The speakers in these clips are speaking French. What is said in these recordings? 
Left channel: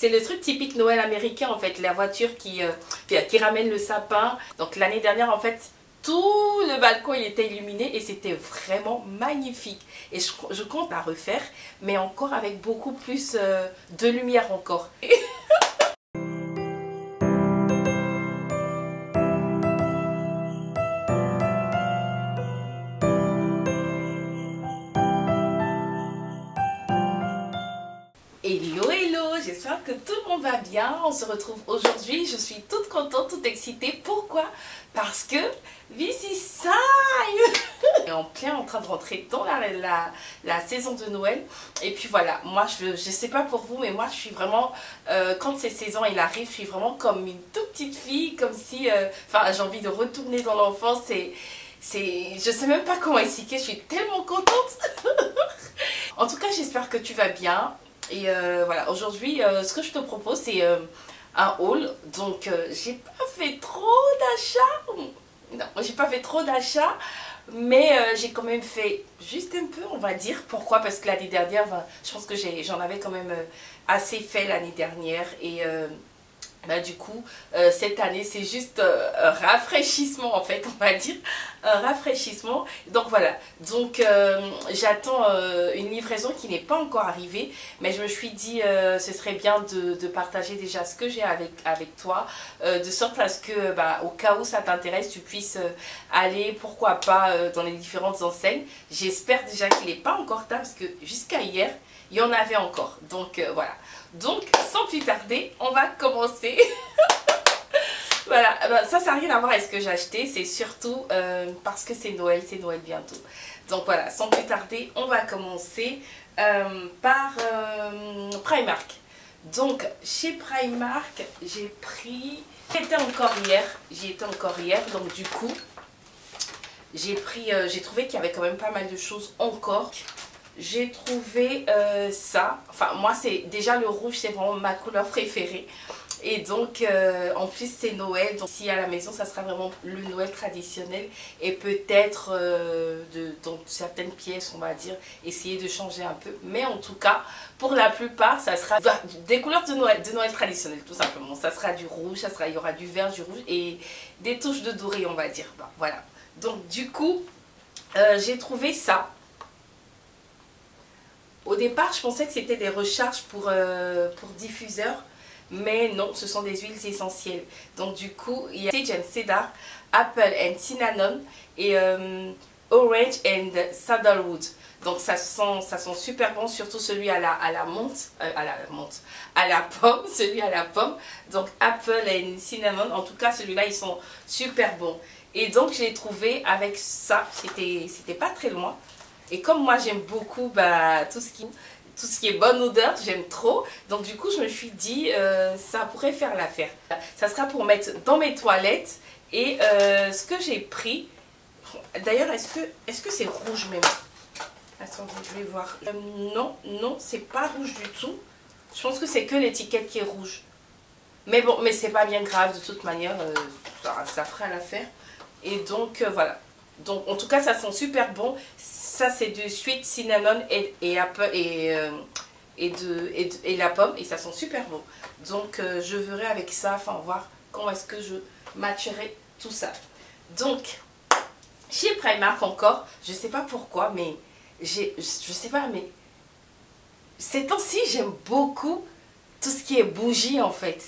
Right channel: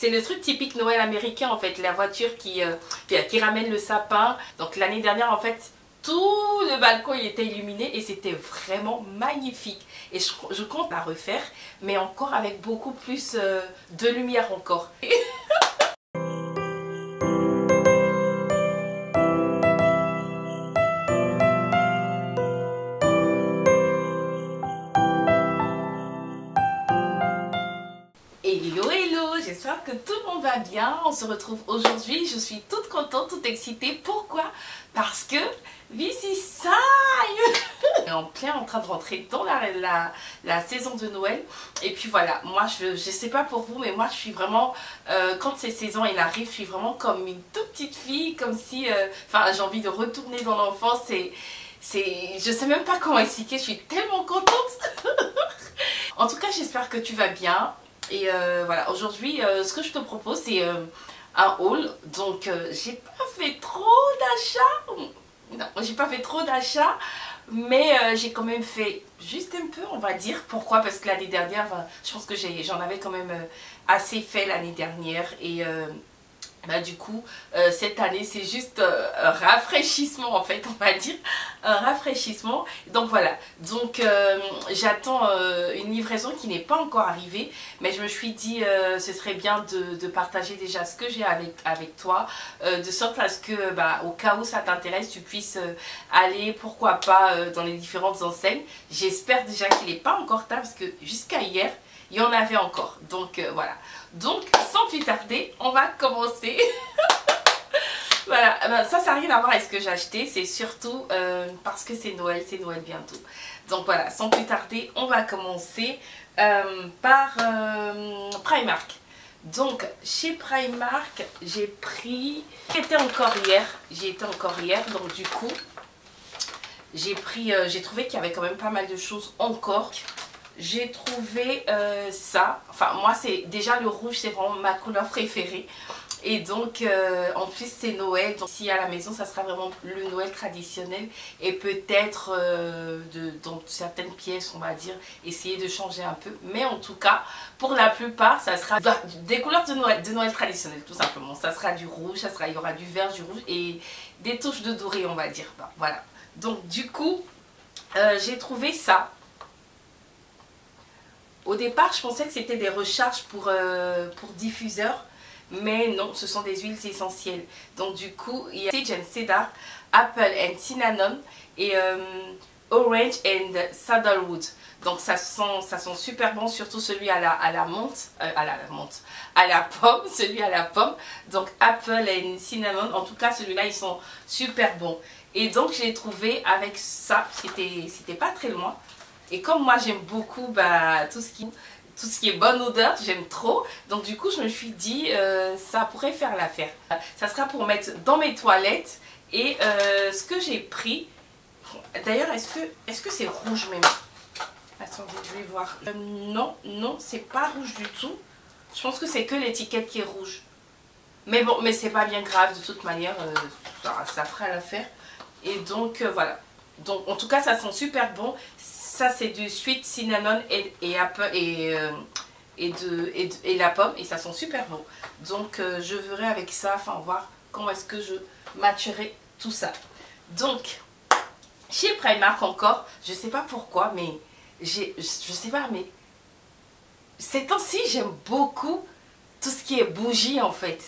C'est le truc typique Noël américain en fait, la voiture qui ramène le sapin. Donc l'année dernière en fait, tout le balcon il était illuminé et c'était vraiment magnifique. Et je compte la refaire, mais encore avec beaucoup plus de lumière encore. Hello hello, j'espère que tout le monde va bien. On se retrouve aujourd'hui, je suis toute contente, toute excitée. Pourquoi? Parce que this is time. On est en train de rentrer dans la saison de Noël. Et puis voilà, moi je sais pas pour vous, mais moi je suis vraiment, quand ces saisons il arrive, je suis vraiment comme une toute petite fille, comme si, j'ai envie de retourner dans l'enfance. Je sais même pas comment expliquer, je suis tellement contente. En tout cas, j'espère que tu vas bien. Et voilà, aujourd'hui, ce que je te propose, c'est un haul. Donc, j'ai pas fait trop d'achats. Non, j'ai pas fait trop d'achats. Mais j'ai quand même fait juste un peu, on va dire. Pourquoi? Parce que l'année dernière, je pense que j'en avais quand même assez fait l'année dernière. Et du coup, cette année, c'est juste un rafraîchissement en fait, on va dire. Un rafraîchissement. Donc voilà. Donc j'attends une livraison qui n'est pas encore arrivée. Mais je me suis dit, ce serait bien de partager déjà ce que j'ai avec toi. De sorte à ce que, au cas où ça t'intéresse, tu puisses aller, pourquoi pas, dans les différentes enseignes. J'espère déjà qu'il n'est pas encore tard parce que jusqu'à hier, il y en avait encore. Donc voilà. Donc sans plus tarder, on va commencer. Voilà, ça n'a rien à voir avec ce que j'ai acheté. C'est surtout parce que c'est Noël bientôt. Donc voilà, sans plus tarder, on va commencer par Primark. Donc chez Primark, j'ai pris... J'y étais encore hier. Donc du coup, j'ai trouvé qu'il y avait quand même pas mal de choses encore. J'ai trouvé ça, enfin moi c'est déjà le rouge, c'est vraiment ma couleur préférée. Et donc en plus c'est Noël, donc si à la maison ça sera vraiment le Noël traditionnel. Et peut-être dans certaines pièces on va dire, essayer de changer un peu. Mais en tout cas pour la plupart ça sera des couleurs de Noël traditionnel tout simplement. Ça sera du rouge, il y aura du vert, du rouge et des touches de doré on va dire. Voilà, donc du coup j'ai trouvé ça. Au départ, je pensais que c'était des recharges pour diffuseurs, mais non, ce sont des huiles essentielles. Donc du coup, il y a Sage and Cedar, Apple and Cinnamon et Orange and Sandalwood. Donc ça sent super bon, surtout celui à la pomme, celui à la pomme. Donc Apple and Cinnamon, en tout cas celui-là, ils sont super bons. Et donc je l'ai trouvé avec ça, c'était pas très loin. Et comme moi j'aime beaucoup tout ce qui est bonne odeur, j'aime trop. Donc du coup je me suis dit ça pourrait faire l'affaire. Ça sera pour mettre dans mes toilettes. Et ce que j'ai pris, d'ailleurs est-ce que c'est rouge même? Attendez, je vais voir. Non, c'est pas rouge du tout. Je pense que c'est que l'étiquette qui est rouge. Mais bon, mais c'est pas bien grave de toute manière, ça fera l'affaire. Et donc voilà. Donc en tout cas ça sent super bon. Ça c'est du sweet cinnamon et apple et la pomme et ça sent super bon. Donc je verrai avec ça, voir comment est-ce que je matcherai tout ça. Donc chez Primark encore, je sais pas pourquoi, mais je sais pas, mais ces temps-ci j'aime beaucoup tout ce qui est bougie en fait.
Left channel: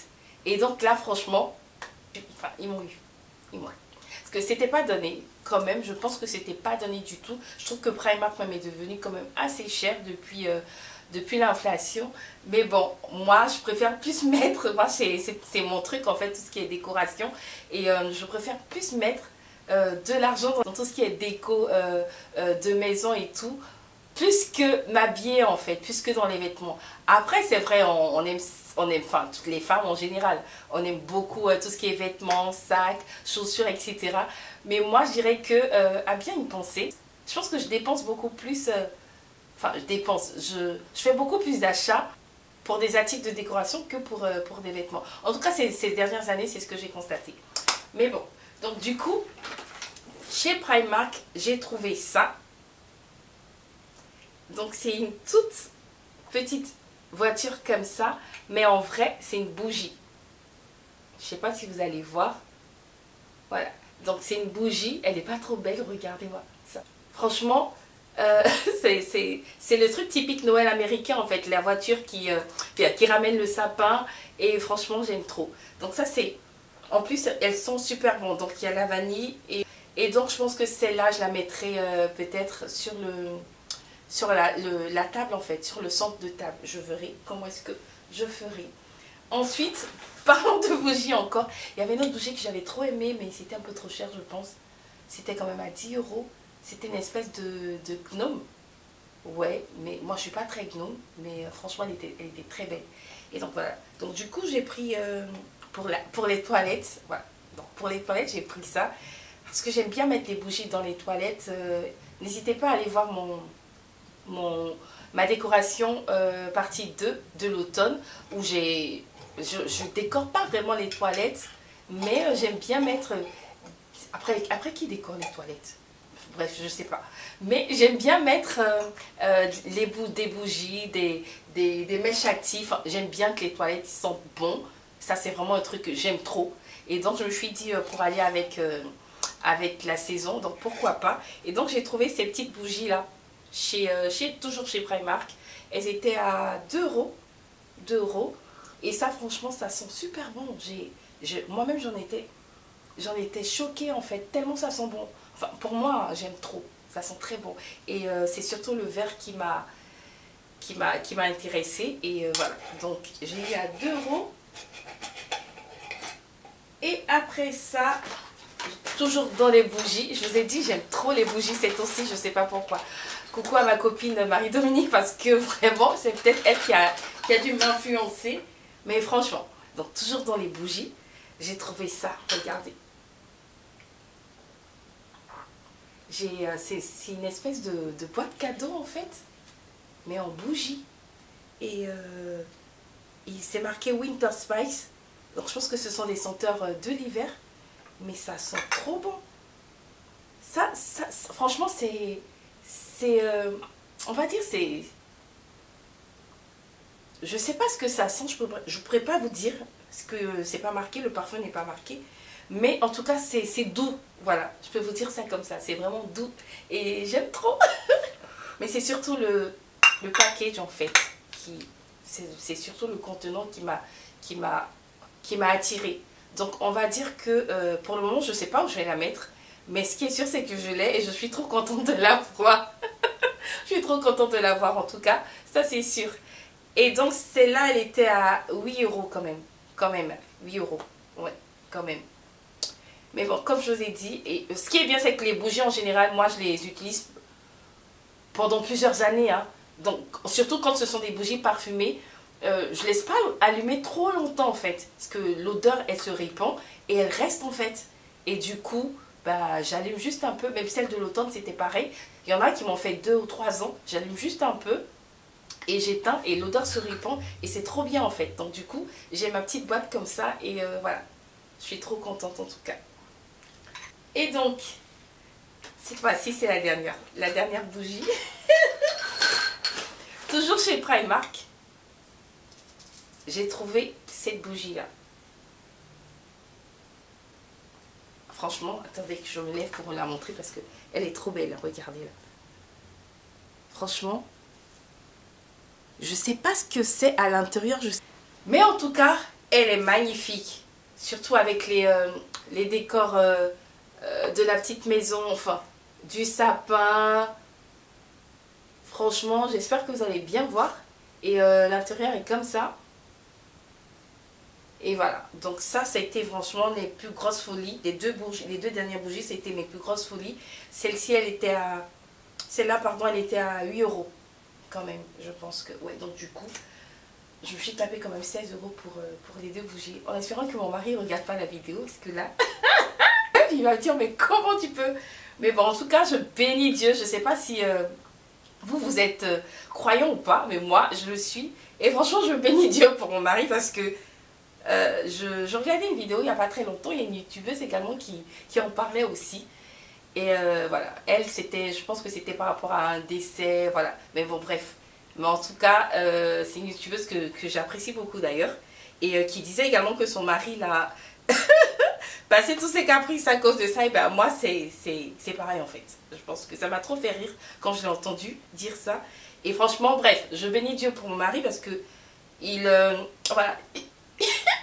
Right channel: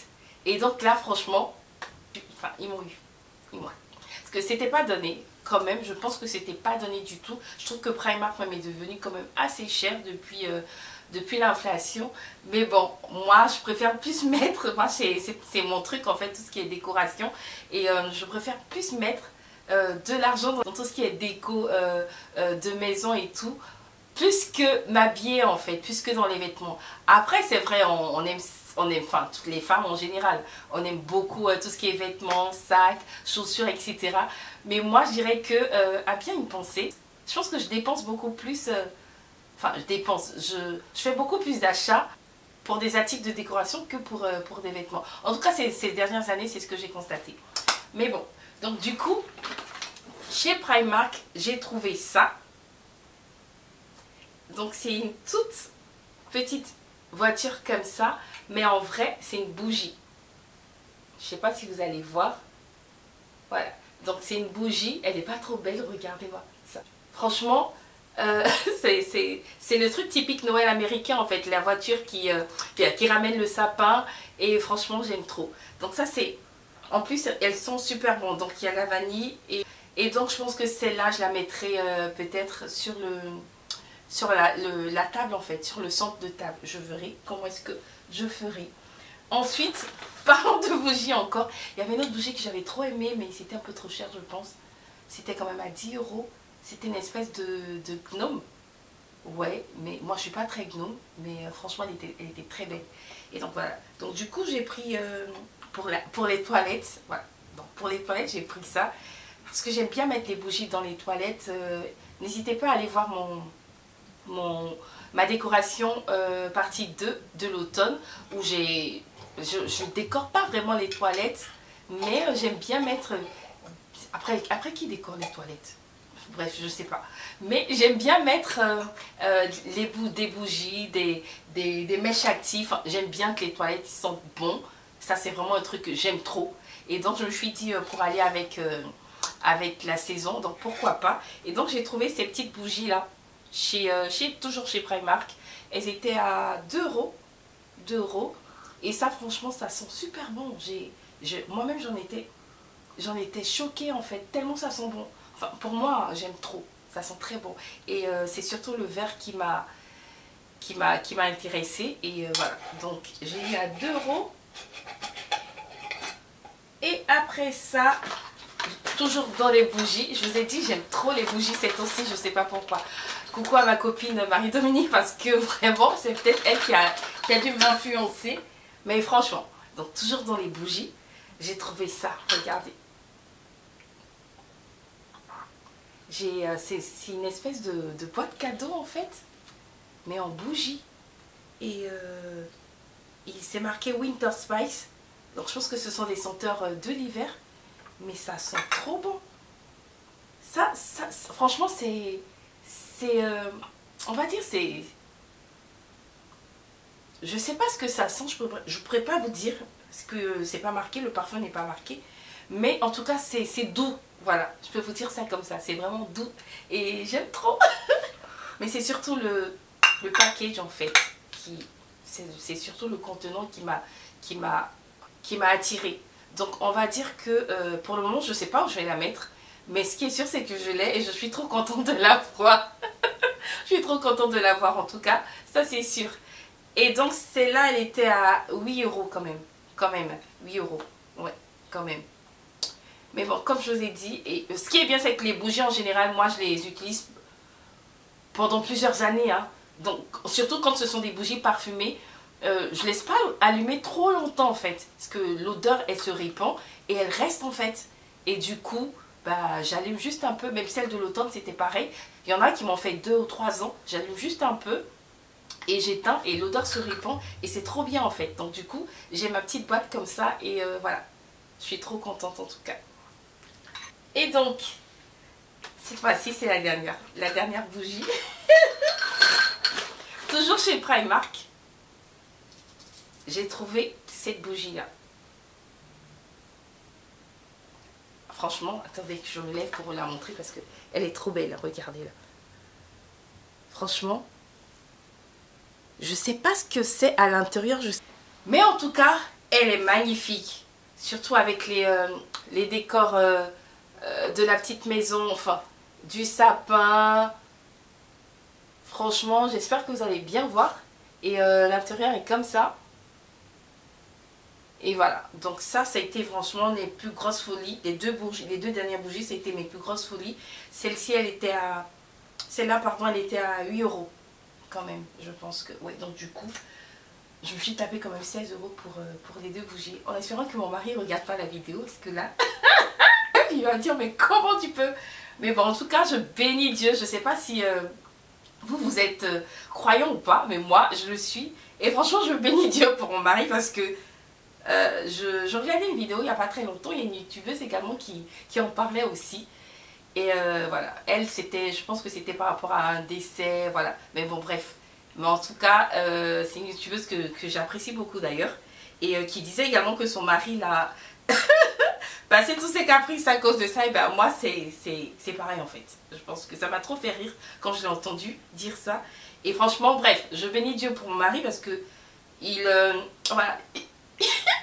Et donc là franchement, ils m'ont eu. Parce que c'était pas donné. Quand même, je pense que c'était pas donné du tout. Je trouve que Primark même est devenu quand même assez cher depuis l'inflation. Mais bon, moi je préfère plus mettre, moi c'est mon truc en fait, tout ce qui est décoration. Et je préfère plus mettre de l'argent dans tout ce qui est déco de maison et tout, plus que m'habiller en fait, plus que dans les vêtements. Après c'est vrai, on aime, toutes les femmes en général, on aime beaucoup tout ce qui est vêtements, sacs, chaussures, etc. Mais moi je dirais que à bien y penser, je pense que je dépense beaucoup plus, je fais beaucoup plus d'achats pour des articles de décoration que pour des vêtements. En tout cas ces dernières années c'est ce que j'ai constaté. Mais bon, donc du coup, chez Primark j'ai trouvé ça. Donc c'est une toute petite voiture comme ça, mais en vrai, c'est une bougie. Je sais pas si vous allez voir. Voilà. Donc, c'est une bougie. Elle n'est pas trop belle. Regardez-moi ça. Franchement, c'est le truc typique Noël américain, en fait. La voiture qui ramène le sapin. Et franchement, j'aime trop. Donc, ça, c'est... En plus, elles sont super bonnes. Donc, il y a la vanille. Et donc, je pense que celle-là, je la mettrai peut-être sur la table, en fait. Sur le centre de table. Je verrai comment est-ce que je ferai. Ensuite, parlant de bougies encore, il y avait une autre bougie que j'avais trop aimée, mais c'était un peu trop cher, je pense. C'était quand même à 10 euros. C'était une espèce de gnome. Ouais, mais moi je suis pas très gnome, mais franchement elle était très belle. Et donc voilà. Donc du coup j'ai pris pour les toilettes, voilà. Donc pour les toilettes j'ai pris ça. Parce que j'aime bien mettre les bougies dans les toilettes. N'hésitez pas à aller voir ma décoration partie 2 de l'automne où je décore pas vraiment les toilettes, mais j'aime bien mettre... Après qui décore les toilettes? Bref, je sais pas. Mais j'aime bien mettre des bougies, des mèches actives. J'aime bien que les toilettes sentent bon. Ça, c'est vraiment un truc que j'aime trop. Et donc, je me suis dit pour aller avec la saison, donc pourquoi pas. Et donc, j'ai trouvé ces petites bougies-là, toujours chez Primark. Elles étaient à 2 euros. 2 euros. Et ça, franchement, ça sent super bon. Moi-même, j'en étais choquée, en fait, tellement ça sent bon. Enfin, pour moi, j'aime trop. Ça sent très bon. Et c'est surtout le vert qui m'a intéressée. Et voilà. Donc, j'ai eu à 2 euros. Et après ça, toujours dans les bougies. Je vous ai dit, j'aime trop les bougies cette aussi. Je ne sais pas pourquoi. Coucou à ma copine Marie-Dominique, parce que vraiment, c'est peut-être elle qui a dû m'influencer. Mais franchement, donc toujours dans les bougies, j'ai trouvé ça. Regardez. C'est une espèce de boîte cadeau en fait, mais en bougie. Et il s'est marqué Winter Spice. Donc je pense que ce sont des senteurs de l'hiver. Mais ça sent trop bon. Ça franchement, on va dire, c'est... Je sais pas ce que ça sent, je pourrais pas vous dire, parce que c'est pas marqué, le parfum n'est pas marqué. Mais en tout cas, c'est doux. Voilà, je peux vous dire ça comme ça. C'est vraiment doux. Et j'aime trop. Mais c'est surtout le package en fait. C'est surtout le contenant qui m'a attiré. Donc on va dire que pour le moment, je ne sais pas où je vais la mettre. Mais ce qui est sûr, c'est que je l'ai et je suis trop contente de la voir. Je suis trop contente de la voir en tout cas. Ça, c'est sûr. Et donc celle-là, elle était à 8 euros quand même. Quand même, 8 euros. Ouais, quand même. Mais bon, comme je vous ai dit, et ce qui est bien, c'est que les bougies en général, moi je les utilise pendant plusieurs années. Hein. Donc, surtout quand ce sont des bougies parfumées, je laisse pas allumer trop longtemps en fait. Parce que l'odeur, elle se répand et elle reste en fait. Et du coup, bah, j'allume juste un peu. Même celle de l'automne, c'était pareil. Il y en a qui m'ont fait 2 ou 3 ans. J'allume juste un peu. Et j'éteins et l'odeur se répand et c'est trop bien en fait. Donc du coup, j'ai ma petite boîte comme ça et voilà. Je suis trop contente en tout cas. Et donc, cette fois-ci, c'est la dernière bougie. Toujours chez Primark, j'ai trouvé cette bougie-là. Franchement, attendez que je me lève pour vous la montrer parce qu'elle est trop belle. Regardez-la. Franchement, je sais pas ce que c'est à l'intérieur. Mais en tout cas, elle est magnifique. Surtout avec les décors... de la petite maison, enfin du sapin. Franchement, j'espère que vous allez bien voir. Et l'intérieur est comme ça. Et voilà, donc ça a été franchement les plus grosses folies. Les deux dernières bougies, ça a été mes plus grosses folies. Celle-ci, celle-là, pardon, elle était à 8 euros. Quand même, je pense que... Ouais, donc du coup, je me suis tapé quand même 16 euros pour les deux bougies. En espérant que mon mari ne regarde pas la vidéo, parce que là... Il va me dire, mais comment tu peux? Mais bon, en tout cas, je bénis Dieu. Je ne sais pas si vous êtes croyant ou pas, mais moi, je le suis. Et franchement, je bénis Dieu pour mon mari parce que je regardais une vidéo il n'y a pas très longtemps. Il y a une youtubeuse également qui en parlait aussi. Et voilà, elle, je pense que c'était par rapport à un décès, voilà. Mais bon, bref, Mais en tout cas, c'est une youtubeuse que j'apprécie beaucoup d'ailleurs. Et qui disait également que son mari l'a passé tous ses caprices à cause de ça. Et ben moi, c'est pareil en fait. Je pense que ça m'a trop fait rire quand je l'ai entendu dire ça. Et franchement, bref, je bénis Dieu pour mon mari parce que voilà,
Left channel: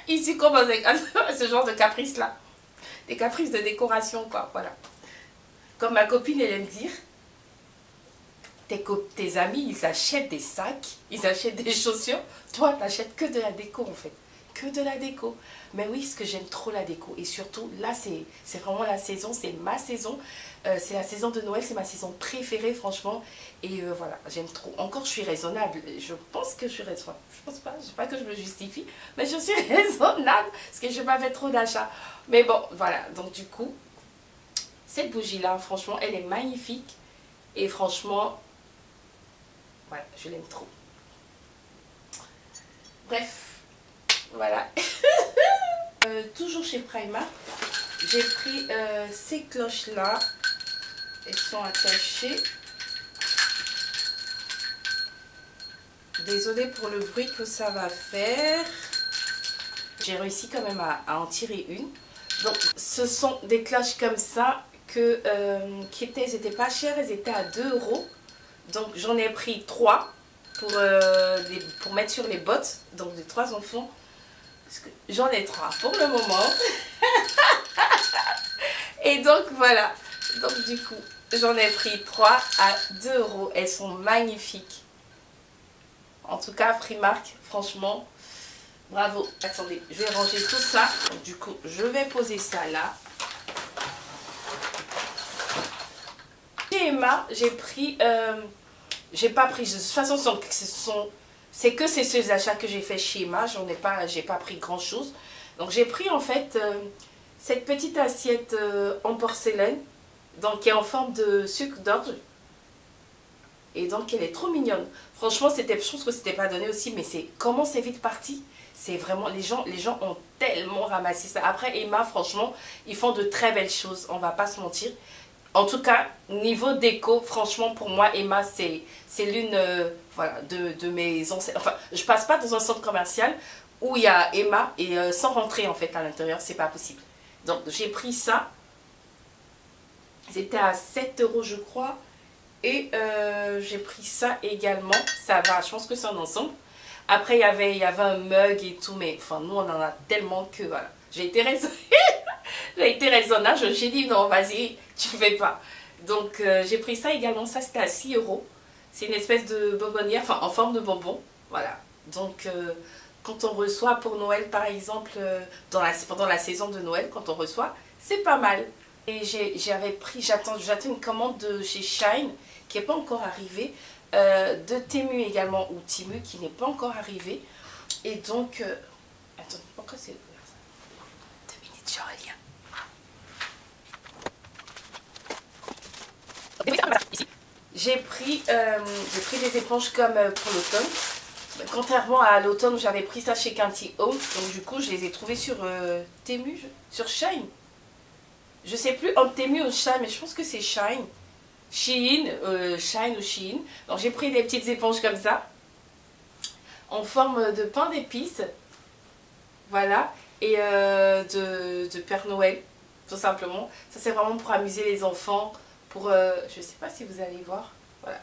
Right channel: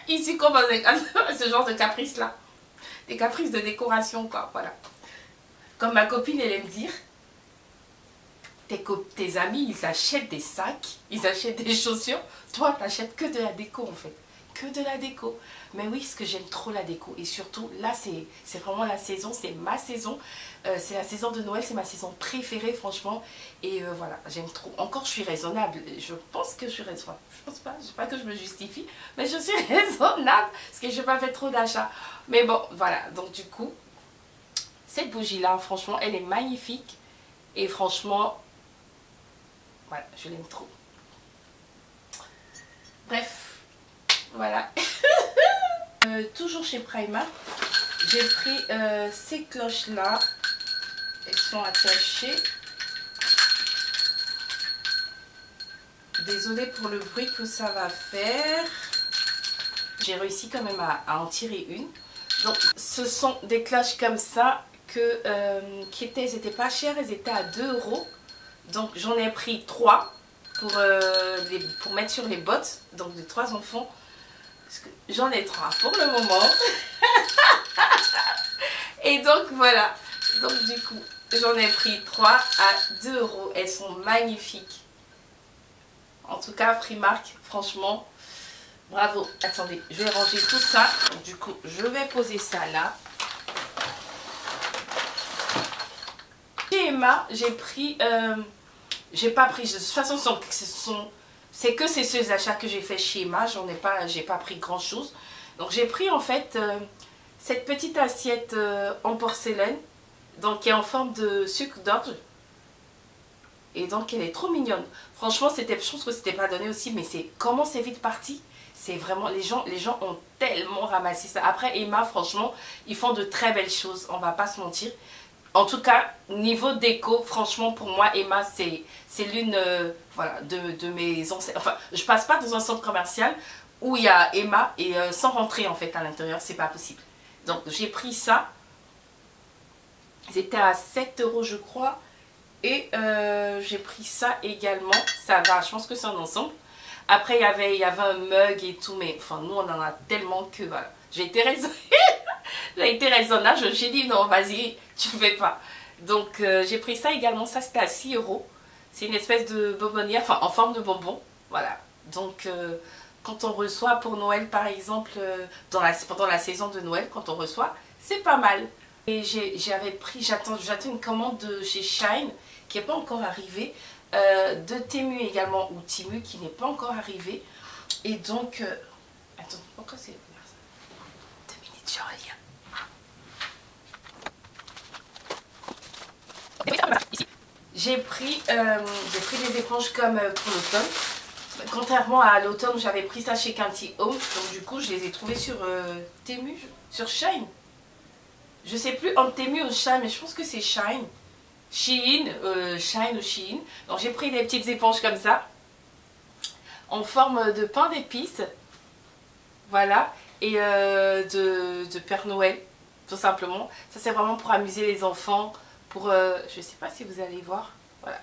il succombe à ce genre de caprices-là. Des caprices de décoration, quoi, voilà. Comme ma copine, elle aime dire, tes amis, ils achètent des sacs, ils achètent des chaussures. Toi, tu n'achètes que de la déco, en fait. Que de la déco. Mais oui, parce que j'aime trop la déco. Et surtout, là, c'est vraiment la saison, c'est ma saison. C'est la saison de Noël, c'est ma saison préférée, franchement. Et voilà, j'aime trop. Encore, je suis raisonnable. Je pense que je suis raisonnable. Je pense pas, je sais pas que je me justifie. Mais je suis raisonnable, parce que je n'ai pas fait trop d'achats. Mais bon, voilà. Donc, du coup, cette bougie-là, franchement, elle est magnifique. Et franchement, voilà, je l'aime trop. Bref, voilà. Toujours chez Primark, j'ai pris ces cloches-là. Elles sont attachées. Désolée pour le bruit que ça va faire. J'ai réussi quand même à en tirer une. Donc, ce sont des cloches comme ça elles n'étaient pas chères, elles étaient à 2 €. Donc, j'en ai pris 3 pour mettre sur les bottes. Donc, de 3 enfants. J'en ai 3 pour le moment. Et donc, voilà. Donc, du coup, j'en ai pris 3 à 2 €. Elles sont magnifiques. En tout cas, Primark, franchement, bravo. Attendez, je vais ranger tout ça. Donc, du coup, je vais poser ça là. Chez Emma, j'ai pris... j'ai pas pris... De toute façon, c'est que ces seuls achats que j'ai fait chez Emma. J'ai pas pris grand chose. Donc, j'ai pris en fait cette petite assiette en porcelaine. Donc, qui est en forme de sucre d'orge. Et donc, elle est trop mignonne. Franchement, je pense que c'était pas donné aussi, mais comment c'est vite parti. C'est vraiment, les gens ont tellement ramassé ça. Après, Emma, franchement, ils font de très belles choses, on va pas se mentir. En tout cas, niveau déco, franchement, pour moi, Emma, c'est l'une voilà, de mes anciennes... Enfin, je passe pas dans un centre commercial où il y a Emma et sans rentrer, en fait, à l'intérieur, c'est pas possible. Donc, j'ai pris ça. C'était à 7 € je crois. Et j'ai pris ça également. Ça va, je pense que c'est un ensemble. Après, il y avait un mug et tout. Mais enfin, nous, on en a tellement que voilà. J'ai été raisonnable. J'ai dit non, vas-y, tu fais pas. Donc, j'ai pris ça également. Ça, c'était à 6 €. C'est une espèce de bonbonnière, enfin, en forme de bonbon. Voilà. Donc, quand on reçoit pour Noël, par exemple, pendant la saison de Noël, quand on reçoit, c'est pas mal. Et j'attends une commande de chez Shine qui n'est pas encore arrivée, de Temu également, ou Timu qui n'est pas encore arrivé. Et donc, attends, pourquoi c'est ouvert ça? 2 minutes, je reviens. J'ai pris des éponges comme pour l'automne. Contrairement à l'automne où j'avais pris ça chez Canty Home, donc du coup je les ai trouvées sur Temu, sur Shine. Je sais plus entre Temu ou Shine, mais je pense que c'est Shine. Shine ou Shein. Donc j'ai pris des petites éponges comme ça, en forme de pain d'épices. Voilà. Et de Père Noël, tout simplement. Ça c'est vraiment pour amuser les enfants. Je sais pas si vous allez voir. Voilà.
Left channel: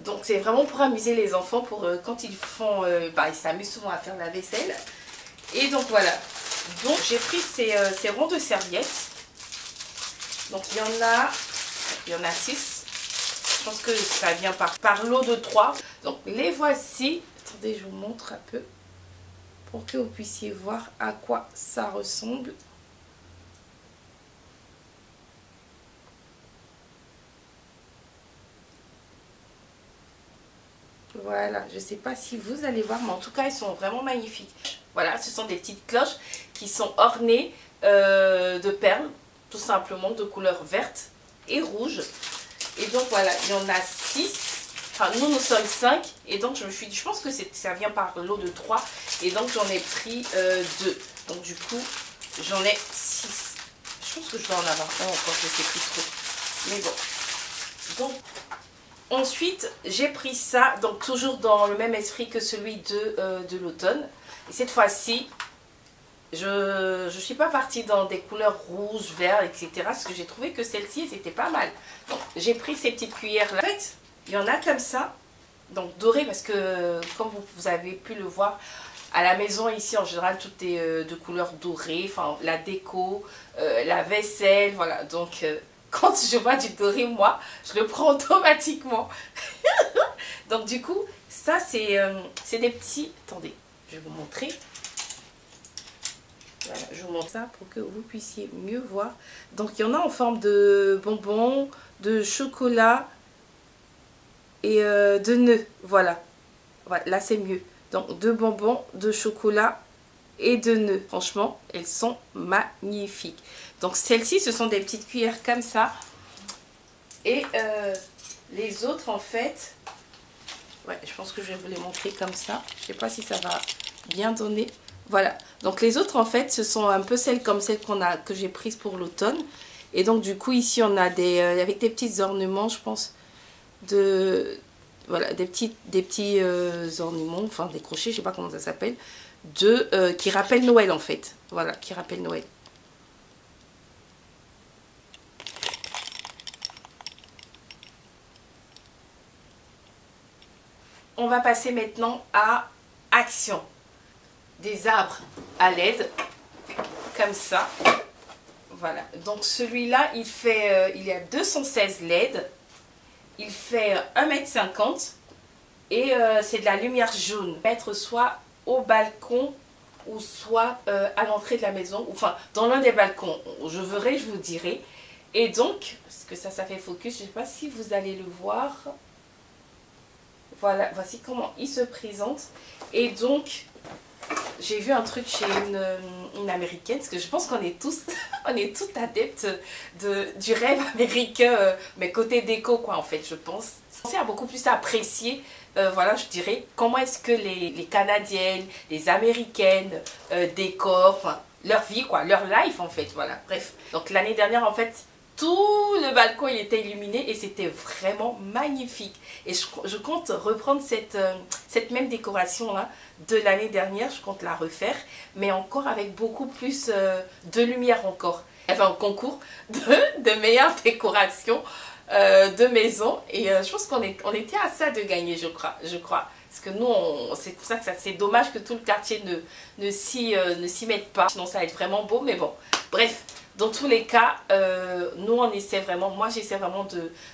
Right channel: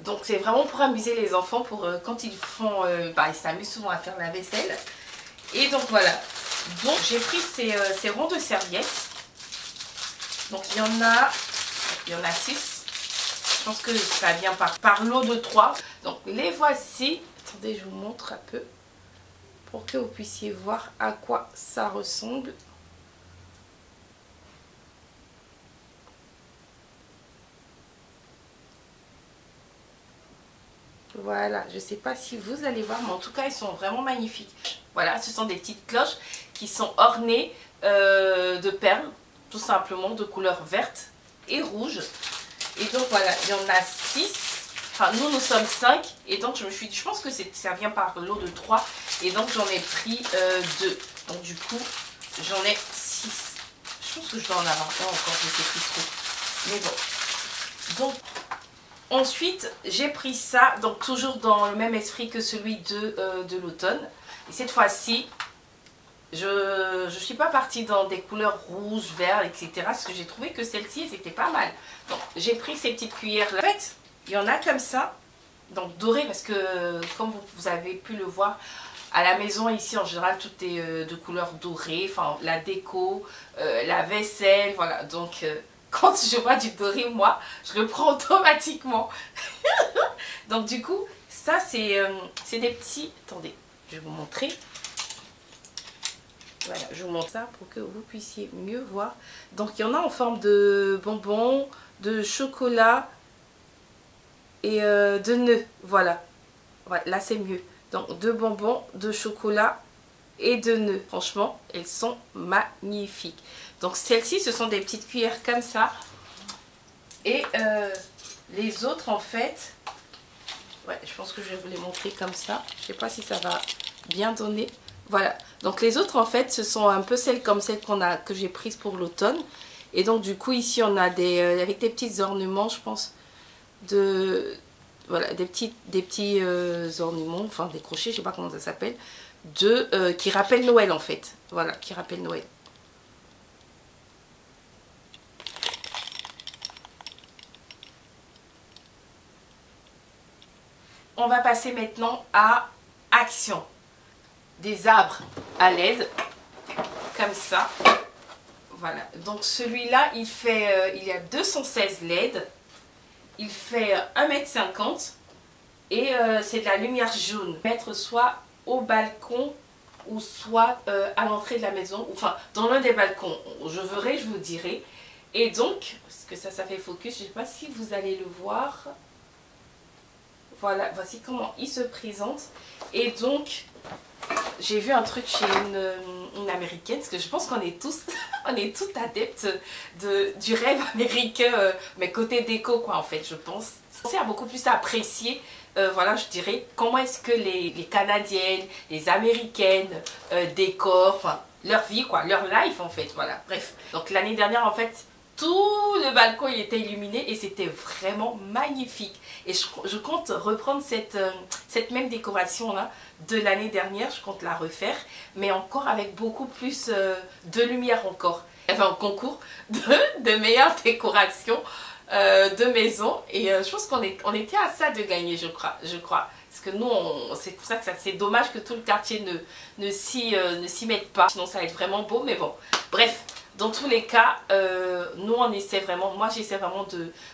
Donc c'est vraiment pour amuser les enfants, pour quand ils font... ils s'amusent souvent à faire la vaisselle. Et donc voilà. Donc j'ai pris ces ronds de serviettes. Donc il y en a 6. Je pense que ça vient par lot de 3. Donc les voici. Attendez, je vous montre un peu pour que vous puissiez voir à quoi ça ressemble. Voilà, je ne sais pas si vous allez voir, mais en tout cas, ils sont vraiment magnifiques. Voilà, ce sont des petites cloches qui sont ornées de perles, tout simplement, de couleur verte et rouge. Et donc voilà, il y en a 6. Enfin, nous sommes 5. Et donc, je pense que ça vient par lot de 3. Et donc, j'en ai pris 2. Donc, du coup, j'en ai 6. Je pense que je dois en avoir un encore, je ne sais plus trop. Mais bon. Donc, Ensuite, j'ai pris ça, donc toujours dans le même esprit que celui de l'automne. Et cette fois-ci, je ne suis pas partie dans des couleurs rouges, vert, etc. Parce que j'ai trouvé que celle-ci, c'était pas mal. Donc, j'ai pris ces petites cuillères-là. En fait, il y en a comme ça, donc doré, parce que comme vous avez pu le voir, à la maison ici, en général, tout est de couleur dorée. Enfin, la déco, la vaisselle, voilà. Donc... quand je vois du doré, moi, je le prends automatiquement. Donc du coup, ça c'est des petits... Attendez, je vais vous montrer. Voilà, je vous montre ça pour que vous puissiez mieux voir. Donc il y en a en forme de bonbons, de chocolat et de nœuds. Voilà. Voilà, là c'est mieux. Donc de bonbons, de chocolat et de nœuds. Franchement, elles sont magnifiques. Donc celles-ci, ce sont des petites cuillères comme ça. Et les autres, en fait, ouais, je pense que je vais vous les montrer comme ça. Je ne sais pas si ça va bien donner. Voilà. Donc les autres, en fait, ce sont un peu celles comme celles que j'ai prises pour l'automne. Et donc du coup, ici, on a avec des petits ornements, je pense, voilà, des petits ornements, enfin des crochets, je ne sais pas comment ça s'appelle, qui rappellent Noël, en fait. Voilà, qui rappellent Noël. On va passer maintenant à Action. Des arbres à LED, comme ça. Voilà. Donc celui-là, il y a 216 LED. Il fait 1,50 m et c'est de la lumière jaune. Mettre soit au balcon ou soit à l'entrée de la maison, enfin dans l'un des balcons. Je verrai, je vous dirai. Et donc, parce que ça fait focus, je ne sais pas si vous allez le voir. Voilà, voici comment il se présente. Et donc, j'ai vu un truc chez une américaine, parce que je pense qu'on est tous, on est tous adeptes du rêve américain, mais côté déco, quoi, en fait, je pense. C'est à beaucoup plus apprécier, voilà, je dirais, comment est-ce que les Canadiennes, les Américaines décorent, enfin, leur vie, quoi, leur life, en fait, voilà, bref. Donc, l'année dernière, en fait, tout le balcon il était illuminé et c'était vraiment magnifique. Et je compte reprendre cette même décoration là de l'année dernière. Je compte la refaire, mais encore avec beaucoup plus de lumière encore. Enfin, un concours de meilleure décoration de maison. Et je pense qu'on était à ça de gagner, je crois. Parce que nous, c'est pour ça que c'est dommage que tout le quartier ne s'y mette pas. Sinon, ça va être vraiment beau, mais bon. Bref. Dans tous les cas, nous on essaie vraiment, moi j'essaie vraiment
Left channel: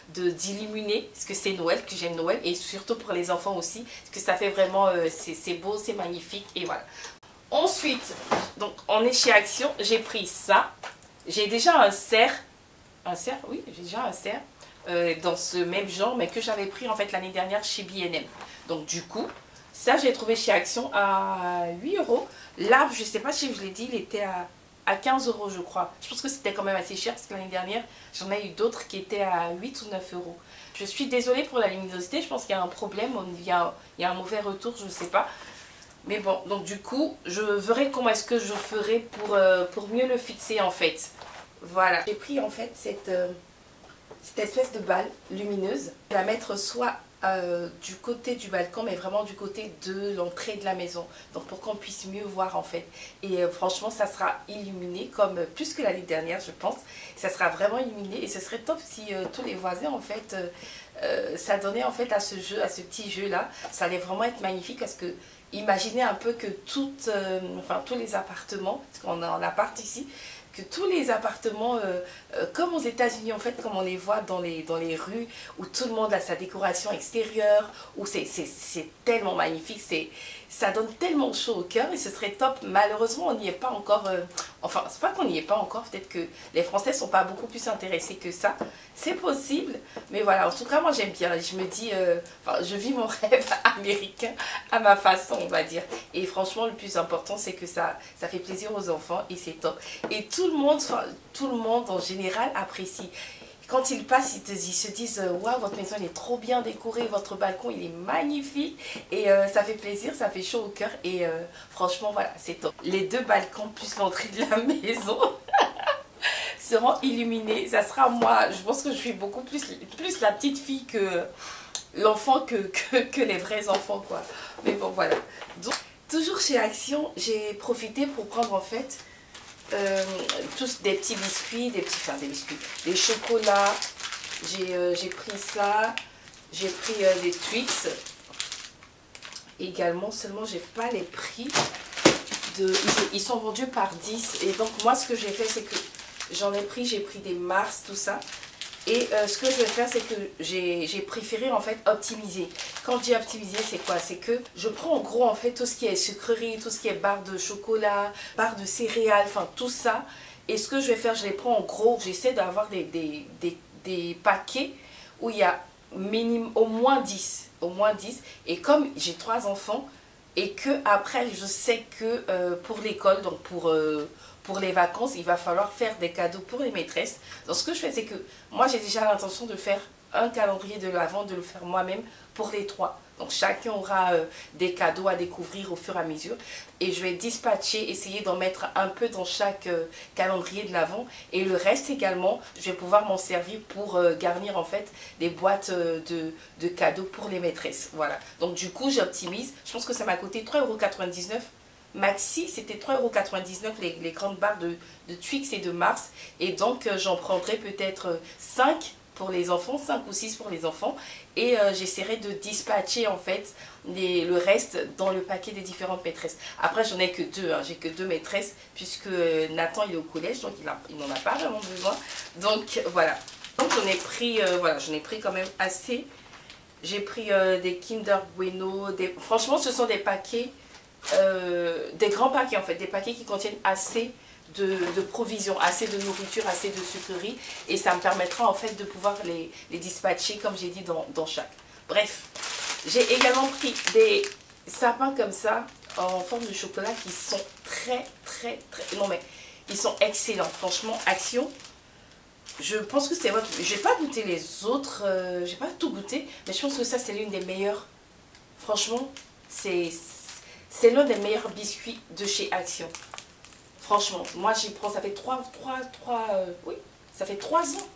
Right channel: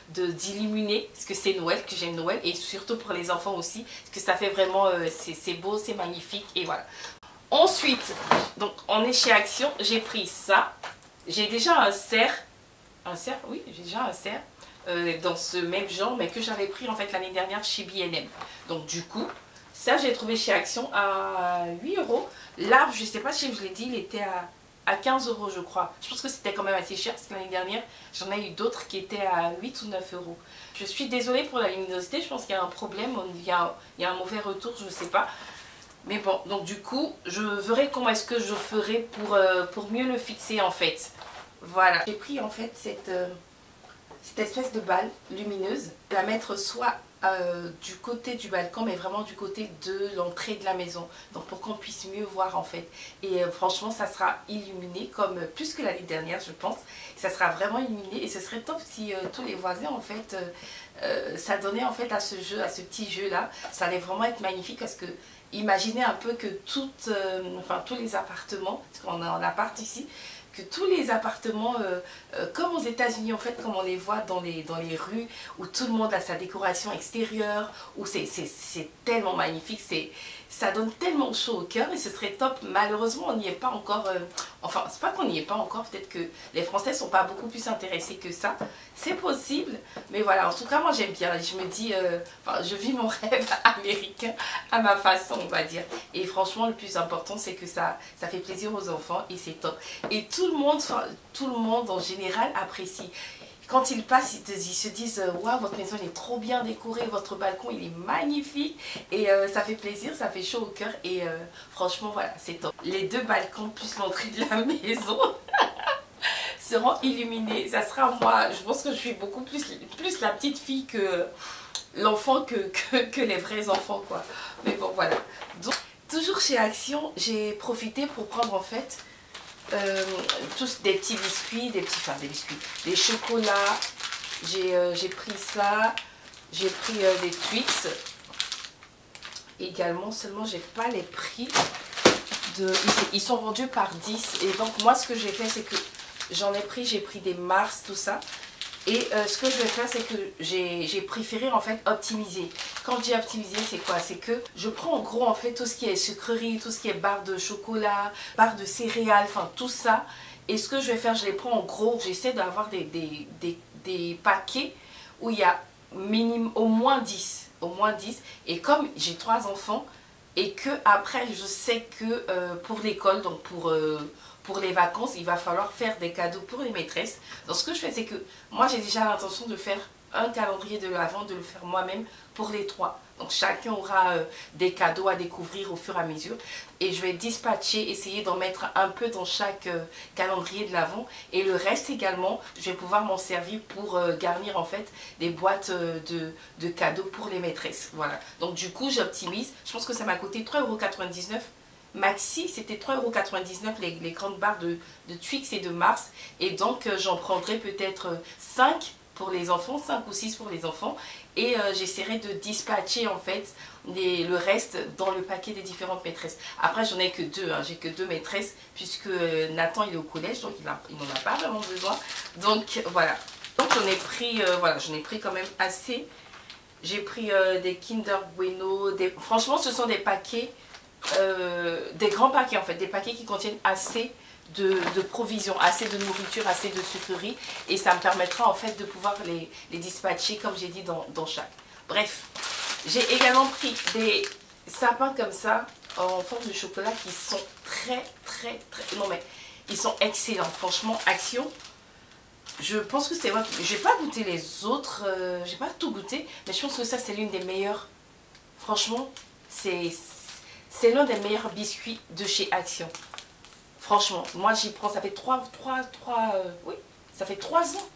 d'illuminer, parce que c'est Noël, que j'aime Noël, et surtout pour les enfants aussi, parce que ça fait vraiment, c'est beau, c'est magnifique, et voilà. Ensuite, donc on est chez Action, j'ai pris ça, j'ai déjà un cerf, oui, j'ai déjà un cerf, dans ce même genre, mais que j'avais pris en fait l'année dernière chez B&M. Donc du coup, ça j'ai trouvé chez Action à 8 €. L'arbre, je ne sais pas si je vous l'ai dit, il était à 15 € je crois. Je pense que c'était quand même assez cher parce que l'année dernière, j'en ai eu d'autres qui étaient à 8 ou 9 €. Je suis désolée pour la luminosité, je pense qu'il y a un problème, il y a un mauvais retour, je ne sais pas. Mais bon, donc du coup, je verrai comment est-ce que je ferai pour mieux le fixer en fait. Voilà. J'ai pris en fait cette espèce de balle lumineuse. Je vais la mettre soit du côté du balcon, mais vraiment du côté de l'entrée de la maison, donc pour qu'on puisse mieux voir en fait. Et franchement ça sera illuminé comme plus que l'année dernière je pense. Ça sera vraiment illuminé et ce serait top si tous les voisins en fait ça donnait en fait à ce petit jeu là, ça allait vraiment être magnifique. Parce que imaginez un peu que tous les appartements, parce qu'on a un appart ici, que tous les appartements, comme aux États-Unis en fait, comme on les voit dans les rues, où tout le monde a sa décoration extérieure, où c'est tellement magnifique, ça donne tellement chaud au cœur et ce serait top. Malheureusement, on n'y est pas encore, enfin, c'est pas qu'on n'y est pas encore, peut-être que les Français sont pas beaucoup plus intéressés que ça, c'est possible, mais voilà, en tout cas, moi j'aime bien, je me dis, je vis mon rêve américain à ma façon, on va dire, et franchement, le plus important, c'est que ça fait plaisir aux enfants et c'est top. Et tout le monde en général apprécie. Quand ils passent, ils se disent « Waouh, votre maison elle est trop bien décorée, votre balcon il est magnifique » et ça fait plaisir, ça fait chaud au cœur et franchement voilà, c'est top. Les deux balcons plus l'entrée de la maison seront illuminés. Ça sera moi, je pense que je suis beaucoup plus la petite fille l'enfant que les vrais enfants, quoi. Mais bon, voilà. Donc, toujours chez Action, j'ai profité pour prendre en fait tous des petits biscuits, des chocolats. J'ai pris ça. J'ai pris des Twix également, seulement j'ai pas les prix. Ils sont vendus par 10. Et donc moi ce que j'ai fait, c'est que j'ai pris des Mars, tout ça. Et ce que je vais faire, c'est que j'ai préféré en fait optimiser. Quand je dis optimiser, c'est quoi? C'est que je prends en gros en fait tout ce qui est sucrerie, tout ce qui est barre de chocolat, barre de céréales, enfin tout ça. Et ce que je vais faire, je les prends en gros, j'essaie d'avoir des paquets où il y a minimum au moins 10. Au moins 10. Et comme j'ai 3 enfants, et que après je sais que pour l'école, donc pour les vacances, il va falloir faire des cadeaux pour les maîtresses. Donc ce que je fais, c'est que moi j'ai déjà l'intention de faire un calendrier de l'Avent, de le faire moi-même pour les 3. Donc chacun aura des cadeaux à découvrir au fur et à mesure. Et je vais dispatcher, essayer d'en mettre un peu dans chaque calendrier de l'Avent. Et le reste également, je vais pouvoir m'en servir pour garnir en fait des boîtes de cadeaux pour les maîtresses. Voilà. Donc du coup, j'optimise. Je pense que ça m'a coûté 3,99 €. Maxi, c'était 3,99 € les grandes barres de Twix et de Mars. Et donc, j'en prendrai peut-être 5 pour les enfants, 5 ou 6 pour les enfants. Et j'essaierai de dispatcher en fait le reste dans le paquet des différentes maîtresses. Après, j'en ai que 2, hein. J'ai que 2 maîtresses puisque Nathan il est au collège, donc il n'en a pas vraiment besoin. Donc voilà. Donc j'en ai pris, voilà, j'en ai pris quand même assez. J'ai pris des Kinder Bueno. Franchement, ce sont des paquets, des grands paquets en fait, des paquets qui contiennent assez de provisions, assez de nourriture, assez de sucreries, et ça me permettra en fait de pouvoir les dispatcher comme j'ai dit dans chaque. Bref, j'ai également pris des sapins comme ça en forme de chocolat qui sont très non mais ils sont excellents, franchement. Action, je pense que c'est moi qui... J'ai pas goûté les autres, j'ai pas tout goûté, mais je pense que ça c'est l'une des meilleures. Franchement, c'est l'un des meilleurs biscuits de chez Action. Franchement, moi j'y prends, ça fait oui, ça fait 3 ans.